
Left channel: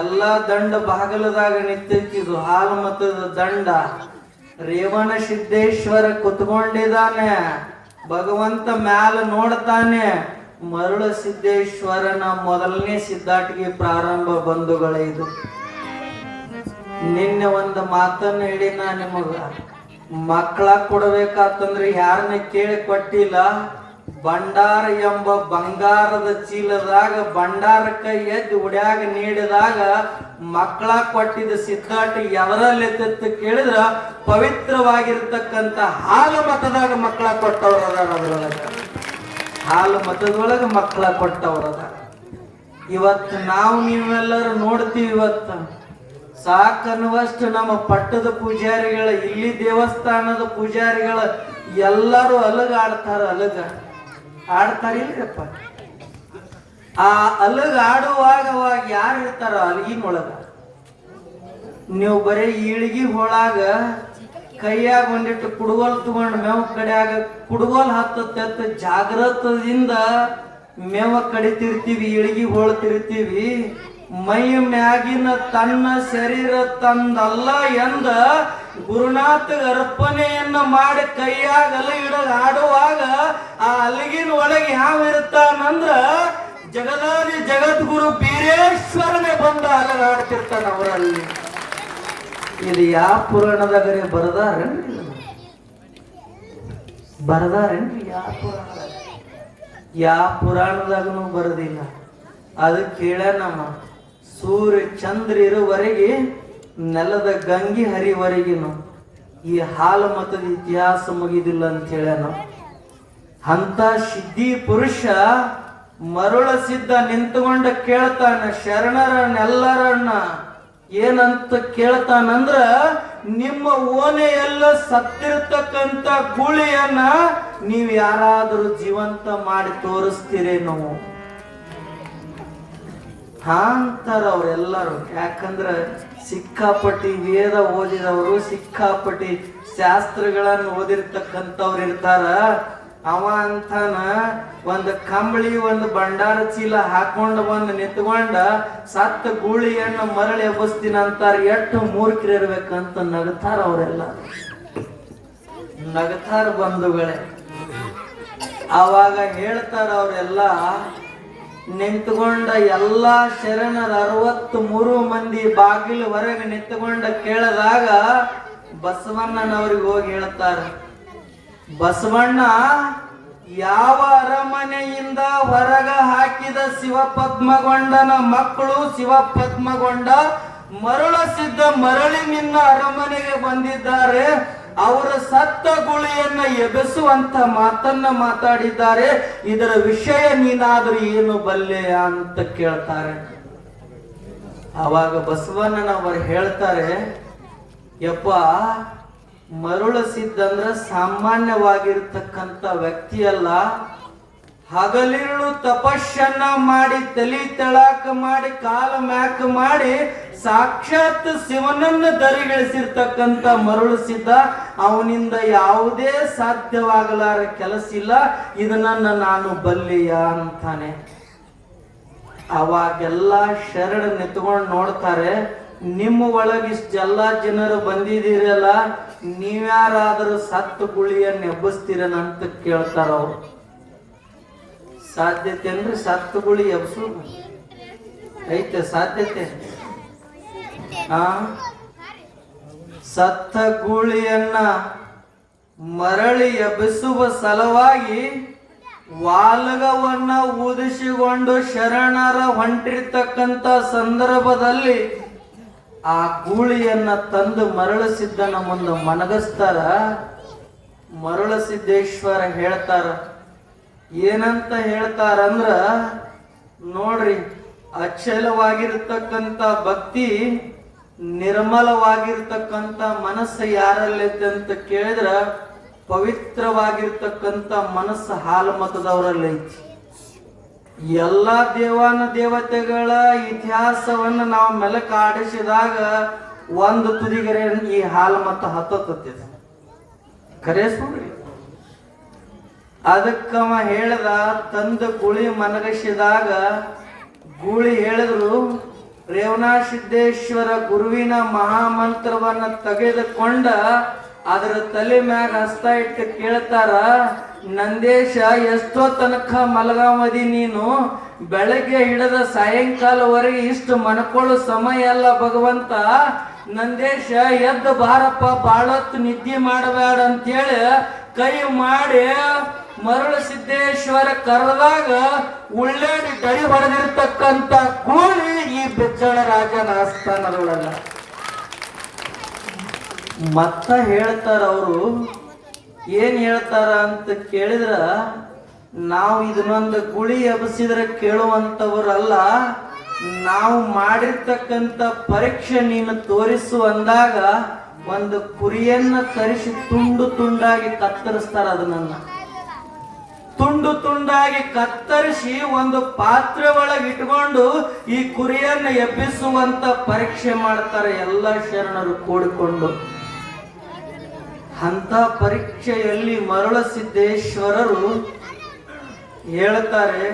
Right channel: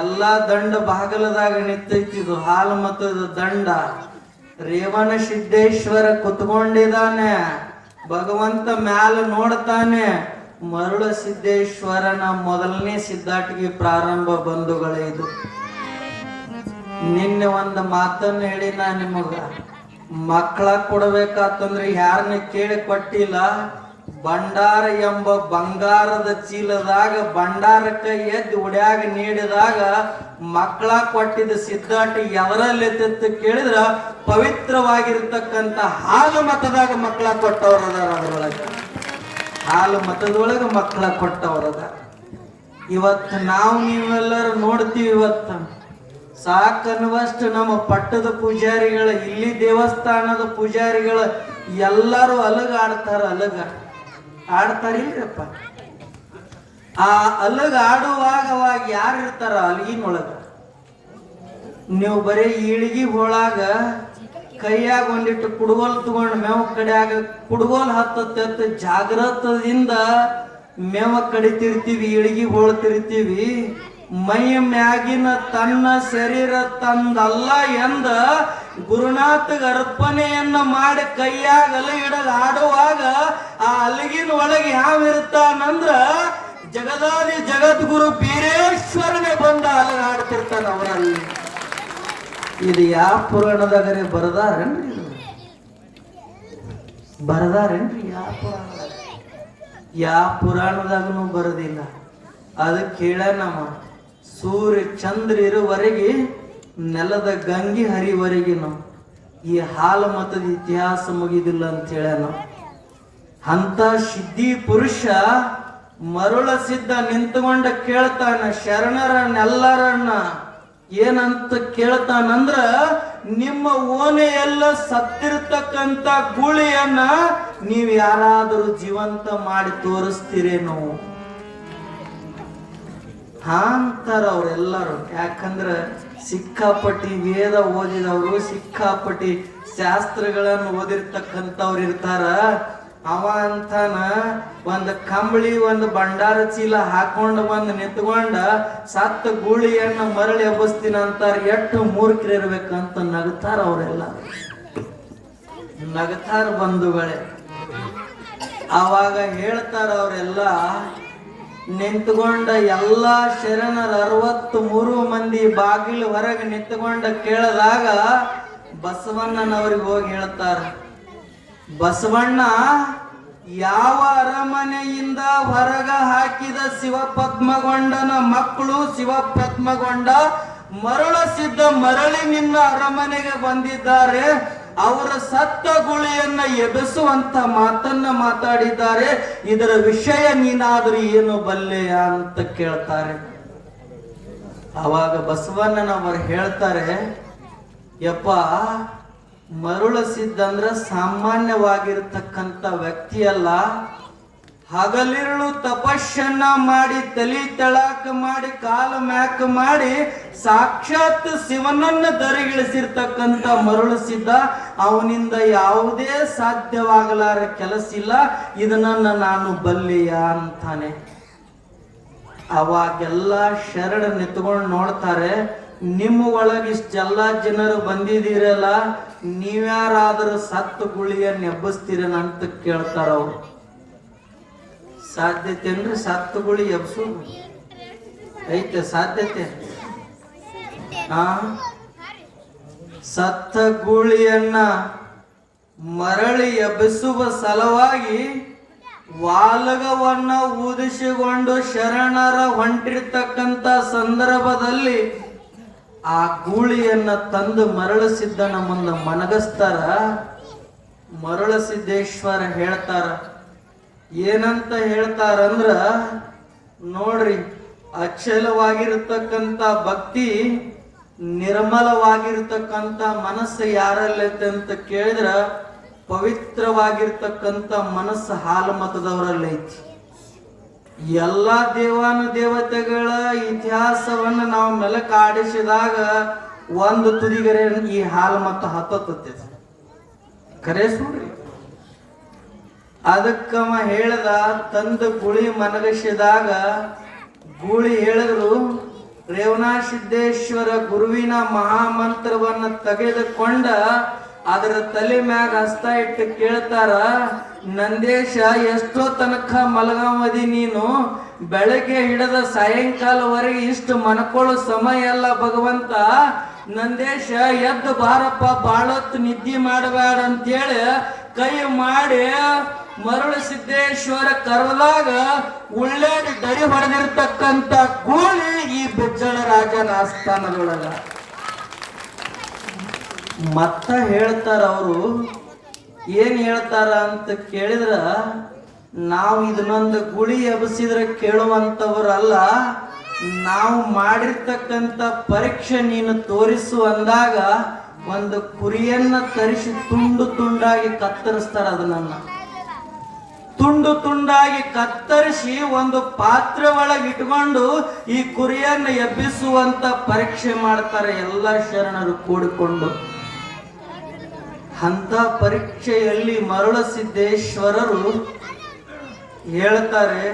ಎಲ್ಲ ದಂಡ ಬಾಗಲದಾಗ ನಿಂತಿದ್ದು ಹಾಲು ಮತದ ದಂಡ. ರೇವಣ ಸಿದ್ದೇಶ್ವರ ಕುತ್ಕೊಂಡಿದ್ದಾನೆ. ಭಗವಂತ ಮ್ಯಾಲ ನೋಡ್ತಾನೆ. ಮರುಳ ಸಿದ್ದೇಶ್ವರನ ಮೊದಲನೇ ಸಿದ್ಧಾಟಿಗೆ ಪ್ರಾರಂಭ. ಬಂಧುಗಳೇ, ಇದು ನಿನ್ನೆ ಒಂದು ಮಾತನ್ನ ಹೇಳಿ, ನಾ ನಿಮಗ ಮಕ್ಕಳ ಕೊಡ್ಬೇಕಾತಂದ್ರೆ ಯಾರನ್ನ ಕೇಳಿ ಕೊಟ್ಟಿಲ್ಲ. ಭಂಡಾರ ಎಂಬ ಬಂಗಾರದ ಚೀಲದಾಗ ಭಂಡಾರಕ್ಕೆ ಎದ್ದು ಉಡ್ಯಾಗ ನೀಡಿದಾಗ ಮಕ್ಕಳ ಕೊಟ್ಟಿದ್ದ ಸಿದ್ಧಾಟಿ ಎದರಲ್ಲಿ ಕೇಳಿದ್ರ ಪವಿತ್ರವಾಗಿರ್ತಕ್ಕಂಥ ಹಾಲು ಮತದಾಗ ಮಕ್ಕಳ ಕೊಟ್ಟವರದ. ಅದರೊಳಗೆ ಹಾಲು ಮತದೊಳಗೆ ಮಕ್ಕಳ ಕೊಟ್ಟವರದ. ಇವತ್ತು ನಾವು ನೀವೆಲ್ಲರೂ ನೋಡ್ತೀವಿ. ಇವತ್ತು ಸಾಕನ್ನುವಷ್ಟು ನಮ್ಮ ಪಟ್ಟದ ಪೂಜಾರಿಗಳ, ಇಲ್ಲಿ ದೇವಸ್ಥಾನದ ಪೂಜಾರಿಗಳ ಎಲ್ಲರೂ ಅಲಗ ಆಡ್ತಾರ. ಅಲಗ ಆಡ್ತಾರಿಲ್ರಪ್ಪ. ಆ ಅಲಗ ಆಡುವಾಗ ಅವಾಗ ಯಾರು ಇರ್ತಾರ ಅಲಗಿನೊಳಗ? ನೀವು ಬರೀ ಈಳಿಗಿ ಹೋಳಾಗ ಕೈಯಾಗ ಒಂದಿಟ್ಟು ಕುಡುಗೋಲ್ ತಗೊಂಡು ಮೇವ ಕಡೆಯಾಗ ಕುಡುಗೋಲ್ ಹತ್ತ ಜಾಗ್ರತದಿಂದ ಮೇವ ಕಡಿತಿರ್ತೀವಿ, ಇಳಿಗಿ ಹೋಳ್ತಿರ್ತೀವಿ. ಮೈ ಮ್ಯಾಗಿನ ತನ್ನ ಶರೀರ ತಂದಲ್ಲ ಎಂದ ಗುರುನಾಥಗ ಅರ್ಪಣೆಯನ್ನು ಮಾಡಿ ಕೈಯಾಗ ಅಲಗಿಡ ಆಡುವಾಗ ಆ ಅಲಗಿನ ಒಳಗೆ ಯಾವ ಇರ್ತಾನಂದ್ರ ಜಗದಾದಿ ಜಗದ್ಗುರು ಬೀರೇಶ್ವರನೇ ಬಂದ ಅಲಗಾಡ್ತಿರ್ತಾನ ಅವರಲ್ಲಿ. ಇದು ಯಾವ ಪುರಾಣದಾಗರೆ ಬರ್ದಾರೇನ್ರಿ? ಯಾವ ಪುರಾಣದಾಗನು ಬರೋದಿಲ್ಲ. ಅದಕ್ಕೆ ಹೇಳ, ನಮ್ಮ ಸೂರ್ಯ ಚಂದ್ರ ಇರುವರೆಗೆ ನೆಲದ ಗಂಗಿ ಹರಿವರೆಗಿನು ಈ ಹಾಲು ಮತದ ಇತಿಹಾಸ ಮುಗಿದಿಲ್ಲ ಅಂತ ಹೇಳ್ಯಾನ. ಅಂತ ಸಿದ್ಧಿ ಪುರುಷ ಮರುಳ ಸಿದ್ಧ ನಿಂತುಕೊಂಡ ಕೇಳ್ತಾನ ಶರಣರನ್ನೆಲ್ಲರನ್ನ. ಏನಂತ ಕೇಳ್ತಾನಂದ್ರ, ನಿಮ್ಮ ಓನೆಯೆಲ್ಲ ಸತ್ತಿರ್ತಕ್ಕಂಥ ಗೂಳಿಯನ್ನ ನೀವ್ ಯಾರಾದ್ರೂ ಜೀವಂತ ಮಾಡಿ ತೋರಿಸ್ತೀರೇನೋ ಅಂತಾರ ಅವ್ರೆಲ್ಲರೂ. ಯಾಕಂದ್ರ ಸಿಕ್ಕಾಪಟ್ಟಿ ವೇದ ಓದಿದವರು, ಸಿಕ್ಕಾಪಟ್ಟಿ ಶಾಸ್ತ್ರಗಳನ್ನು ಓದಿರ್ತಕ್ಕಂಥವ್ರು ಇರ್ತಾರ. ಅವ ಅಂತಾನ ಒಂದು ಕಂಬಳಿ ಒಂದು ಭಂಡಾರ ಚೀಲ ಹಾಕೊಂಡು ಬಂದು ನಿಂತ್ಕೊಂಡ ಸತ್ತ ಗೂಳಿಯನ್ನು ಮರಳಿ ಎಬ್ಬಿಸ್ತೀನಿ ಅಂತಾರ. ಎಷ್ಟು ಮೂರ್ಖರಿರ್ಬೇಕಂತ ನಗತಾರ ಅವರೆಲ್ಲ, ನಗತಾರ ಬಂಧುಗಳೇ. ಆವಾಗ ಹೇಳ್ತಾರ ಅವರೆಲ್ಲ, ನಿಂತ್ಕೊಂಡ ಎಲ್ಲಾ ಶರಣರ 63 ಮಂದಿ ಬಾಗಿಲು ಹೊರಗೆ ನಿಂತ್ಕೊಂಡ ಕೇಳಿದಾಗ ಬಸವಣ್ಣನವ್ರಿಗೆ ಹೋಗಿ ಹೇಳ್ತಾರ, ಬಸವಣ್ಣ ಯಾವ ಅರಮನೆಯಿಂದ ಹೊರಗ ಹಾಕಿದ ಶಿವಪದ್ಮಗೊಂಡನ ಮಕ್ಕಳು ಶಿವಪದ್ಮಗೊಂಡ ಮರಳಸಿದ್ದ ಮರಳಿ ನಿನ್ನ ಅರಮನೆಗೆ ಬಂದಿದ್ದಾರೆ, ಅವರ ಸತ್ತ ಗುಳಿಯನ್ನ ಎಬೆಸುವಂತ ಮಾತನ್ನ ಮಾತಾಡಿದ್ದಾರೆ, ಇದರ ವಿಷಯ ನೀನಾದ್ರೂ ಏನು ಬಲ್ಲೆಯ ಅಂತ ಕೇಳ್ತಾರೆ. ಅವಾಗ ಬಸವಣ್ಣನವರು ಹೇಳ್ತಾರೆ, ಯಪ್ಪ, ಮರುಳಸಿದ್ದಂದ್ರ ಸಾಮಾನ್ಯವಾಗಿರ್ತಕ್ಕಂಥ ವ್ಯಕ್ತಿಯಲ್ಲ, ಹಗಲಿರುಳು ತಪಸ್ಸನ್ನ ಮಾಡಿ ತಲಿ ತೆಳಾಕ ಮಾಡಿ ಕಾಲು ಮ್ಯಾಕ ಮಾಡಿ ಸಾಕ್ಷಾತ್ ಶಿವನನ್ನ ದರಿಗಿಳಿಸಿರ್ತಕ್ಕಂಥ ಮರುಳಸಿದ್ದ, ಅವನಿಂದ ಯಾವುದೇ ಸಾಧ್ಯವಾಗಲಾರ ಕೆಲಸ ಇಲ್ಲ, ಇದನ್ನ ನಾನು ಬಲ್ಲಿಯ ಅಂತಾನೆ. ಅವಾಗೆಲ್ಲ ಶರಣ ನಿಂತ್ಕೊಂಡು ನೋಡ್ತಾರೆ, ನಿಮ್ಮ ಒಳಗಿಷ್ಟೆಲ್ಲ ಜನರು ಬಂದಿದ್ದೀರಲ್ಲ, ನೀವ್ಯಾರಾದರೂ ಸತ್ತು ಗುಳಿಯನ್ನು ಎಬ್ಬಿಸ್ತೀರನ ಅಂತ ಕೇಳ್ತಾರ ಅವ್ರು. ಸಾಧ್ಯತೆ ಅಂದ್ರೆ ಸತ್ತು ಗುಳಿ ಎಬ್ಸು ಐತೆ ಸಾಧ್ಯತೆ? ಸತ್ತ ಗೂಳಿಯನ್ನ ಮರಳಿ ಎಬ್ಬಿಸುವ ಸಲುವಾಗಿ ವಾಲಗವನ್ನ ಊದಿಸಿಕೊಂಡು ಶರಣರ ಹೊಂಟಿರ್ತಕ್ಕಂಥ ಸಂದರ್ಭದಲ್ಲಿ ಆ ಗೂಳಿಯನ್ನ ತಂದು ಮರಳಸಿದ್ದನ ಮುಂದೆ ಮನಗಸ್ತಾರ. ಮರಳಸಿದ್ದೇಶ್ವರ ಹೇಳ್ತಾರ, ಏನಂತ ಹೇಳ್ತಾರಂದ್ರ, ನೋಡ್ರಿ, ಅಚಲವಾಗಿರ್ತಕ್ಕಂಥ ಭಕ್ತಿ, ನಿರ್ಮಲವಾಗಿರ್ತಕ್ಕಂಥ ಮನಸ್ಸು ಯಾರಲ್ಲೈತೆ ಅಂತ ಕೇಳಿದ್ರ ಪವಿತ್ರವಾಗಿರ್ತಕ್ಕಂಥ ಮನಸ್ಸು ಹಾಲು ಮತದವರಲ್ಲೈತಿ. ಎಲ್ಲಾ ದೇವಾನ ದೇವತೆಗಳ ಇತಿಹಾಸವನ್ನು ನಾವು ಮೆಲಕಾಡಿಸಿದಾಗ ಒಂದು ತುದಿಗರೆ ಈ ಹಾಲು ಮತ ಹತ್ತತ್ತೆ. ಖರೇ ಸುಳ್ರಿ. ಅದಕ್ಕವ ಹೇಳ್ದ, ತಂದ ಗುಳಿ ಮನಗಸಿದಾಗ ಗೂಳಿ ಹೇಳಿದ್ರು, ರೇವಣಸಿದ್ದೇಶ್ವರ ಗುರುವಿನ ಮಹಾಮಂತ್ರವನ್ನ ತೆಗೆದುಕೊಂಡ ಅದರ ತಲೆ ಮ್ಯಾಗ ಹಸ್ತ ಇಟ್ಟು ಕೇಳ್ತಾರ, ನಂದೇಶ, ಎಷ್ಟೋ ತನಕ ಮಲಗಾಮದಿ ನೀನು? ಬೆಳಗ್ಗೆ ಹಿಡದ ಸಾಯಂಕಾಲವರೆಗೆ ಇಷ್ಟು ಮನ್ಕೊಳ್ಳೋ ಸಮಯ ಅಲ್ಲ ಭಗವಂತ. ನಂದೇಶ, ಎದ್ದು ಬಾರಪ್ಪ, ಬಾಳೊತ್ತು ನಿದ್ದೆ ಮಾಡಬೇಡ ಅಂತೇಳಿ ಕೈ ಮಾಡಿ ಮರುಳಸಿದ್ದೇಶ್ವರ ಕರೆದಾಗ ಉಳ್ಳಾಡಿ ದರಿ ಹೊಡೆದಿರ್ತಕ್ಕಂಥ ಗೂಳಿ ಈ ಬೆಜ್ಜಳ ರಾಜನ ಆಸ್ಥಾನದೊಳಗ. ಮತ್ತ ಹೇಳ್ತಾರ ಅವರು, ಏನ್ ಹೇಳ್ತಾರ ಅಂತ ಕೇಳಿದ್ರ, ನಾವು ಇದನ್ನೊಂದು ಗುಳಿ ಎಬ್ಬಿಸಿದ್ರೆ ಕೇಳುವಂತವರಲ್ಲ, ನಾವು ಮಾಡಿರ್ತಕ್ಕಂಥ ಪರೀಕ್ಷೆ ನೀನು ತೋರಿಸು ಅಂದಾಗ ಒಂದು ಕುರಿಯನ್ನ ತರಿಸಿ ತುಂಡು ತುಂಡಾಗಿ ಕತ್ತರಿಸ್ತಾರ. ಅದನ್ನ ತುಂಡು ತುಂಡಾಗಿ ಕತ್ತರಿಸಿ ಒಂದು ಪಾತ್ರೆ ಒಳಗೆ ಇಟ್ಕೊಂಡು ಈ ಕುರಿಯನ್ನ ಎಬ್ಬಿಸುವಂತ ಪರೀಕ್ಷೆ ಮಾಡ್ತಾರೆ ಎಲ್ಲ ಶರಣರು ಕೂಡಿಕೊಂಡು. ಅಂತ ಪರೀಕ್ಷೆಯಲ್ಲಿ ಮರುಳಸಿದ್ದೇಶ್ವರರು ಹೇಳ್ತಾರೆ,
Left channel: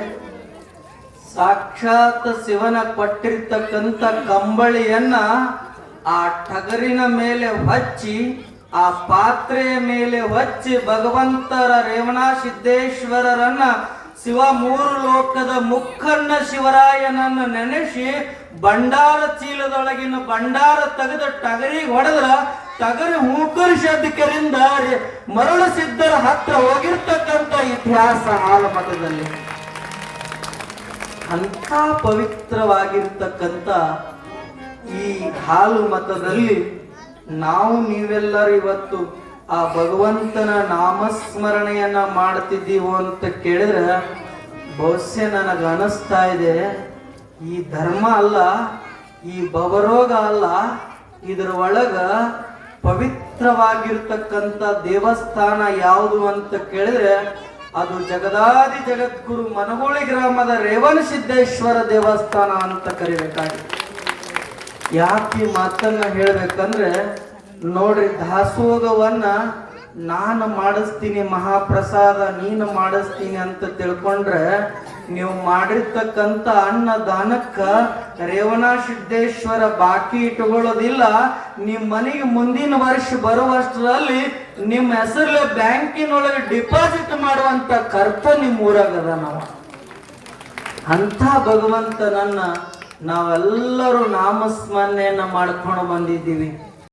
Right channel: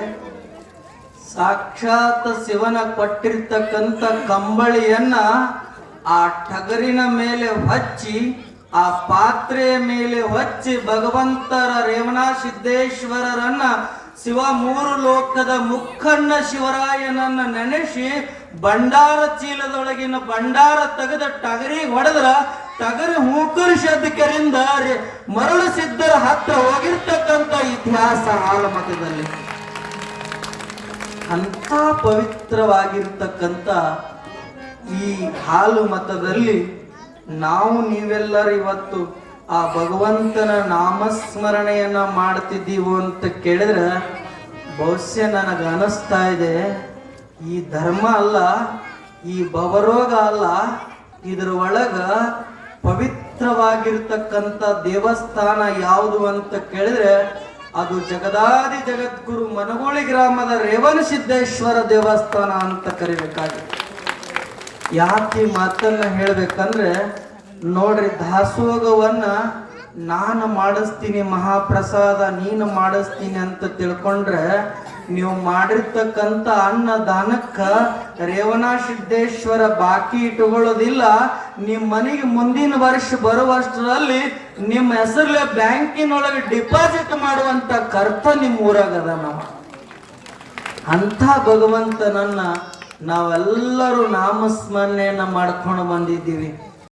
ಸಾಕ್ಷಾತ್ ಶಿವನ ಕೊಟ್ಟಿರ್ತಕ್ಕಂಥ ಕಂಬಳಿಯನ್ನ ಆ ಟಗರಿನ ಮೇಲೆ ಹಚ್ಚಿ, ಆ ಪಾತ್ರೆಯ ಮೇಲೆ ಹಚ್ಚಿ ಭಗವಂತರ ರೇವಣಸಿದ್ದೇಶ್ವರರನ್ನ ಶಿವ 3 ಲೋಕದ ಮುಖನ್ನ ಶಿವರಾಯನನ್ನ ನೆನೆಸಿ ಭಂಡಾರ ಚೀಲದೊಳಗಿನ ಭಂಡಾರ ತೆಗೆದ ಟಗರಿಗೆ ಹೊಡೆದ್ರ ಟಗರಿ ಹೂಕರಿಸೋದಕ್ಕಿಂದ ಮರುಳಸಿದ್ದರ ಹತ್ರ ಹೋಗಿರ್ತಕ್ಕಂಥ ಇತಿಹಾಸ ಹಾಲು ಮತದಲ್ಲಿ. ಅಂತ ಪವಿತ್ರವಾಗಿರ್ತಕ್ಕಂಥ ಈ ಹಾಲು ಮತದಲ್ಲಿ ನಾವು ನೀವೆಲ್ಲರೂ ಇವತ್ತು ಆ ಭಗವಂತನ ನಾಮಸ್ಮರಣೆಯನ್ನ ಮಾಡ್ತಿದ್ದೀವೋ ಅಂತ ಕೇಳಿದ್ರೆ ಬಹುಶಃ ನನಗೆ ಅನಿಸ್ತಾ ಇದೆ, ಈ ಧರ್ಮ ಅಲ್ಲ, ಈ ಭವರೋಗ ಅಲ್ಲ, ಇದರ ಒಳಗ ಪವಿತ್ರವಾಗಿರ್ತಕ್ಕಂಥ ದೇವಸ್ಥಾನ ಯಾವುದು ಅಂತ ಕೇಳಿದ್ರೆ ಅದು ಜಗದಾದಿ ಜಗದ್ಗುರು ಮನಗೋಳಿ ಗ್ರಾಮದ ರೇವಣಸಿದ್ದೇಶ್ವರ ದೇವಸ್ಥಾನ ಅಂತ ಕರಿಬೇಕಾಗಿದೆ. ಯಾಕೆ ಮಾತನ್ನ ಹೇಳ್ಬೇಕಂದ್ರೆ, ನೋಡ್ರಿ, ದಾಸೋಗವನ್ನ ನಾನು ಮಾಡಿಸ್ತೀನಿ ಮಹಾಪ್ರಸಾದ, ನೀನು ಮಾಡಿಸ್ತೀನಿ ಅಂತ ತಿಳ್ಕೊಂಡ್ರೆ ನೀವು ಮಾಡಿರ್ತಕ್ಕಂಥ ಅನ್ನದಾನಕ್ಕ ರೇವಣ ಸಿದ್ದೇಶ್ವರ ಬಾಕಿ ಇಟ್ಕೊಳ್ಳೋದಿಲ್ಲ. ನಿಮ್ಮ ಮನೆಗೆ ಮುಂದಿನ ವರ್ಷ ಬರುವಷ್ಟರಲ್ಲಿ ನಿಮ್ಮ ಹೆಸರಲ್ಲೇ ಬ್ಯಾಂಕಿನೊಳಗೆ ಡಿಪಾಸಿಟ್ ಮಾಡುವಂತ ಕರ್ತ ನಿಮ್ಮ ಊರಾಗದ. ನಾವು ಅಂಥ ಭಗವಂತನನ್ನ ನಾವೆಲ್ಲರೂ ನಾಮಸ್ಮರಣೆಯನ್ನ ಮಾಡ್ಕೊಂಡು ಬಂದಿದ್ದೀವಿ.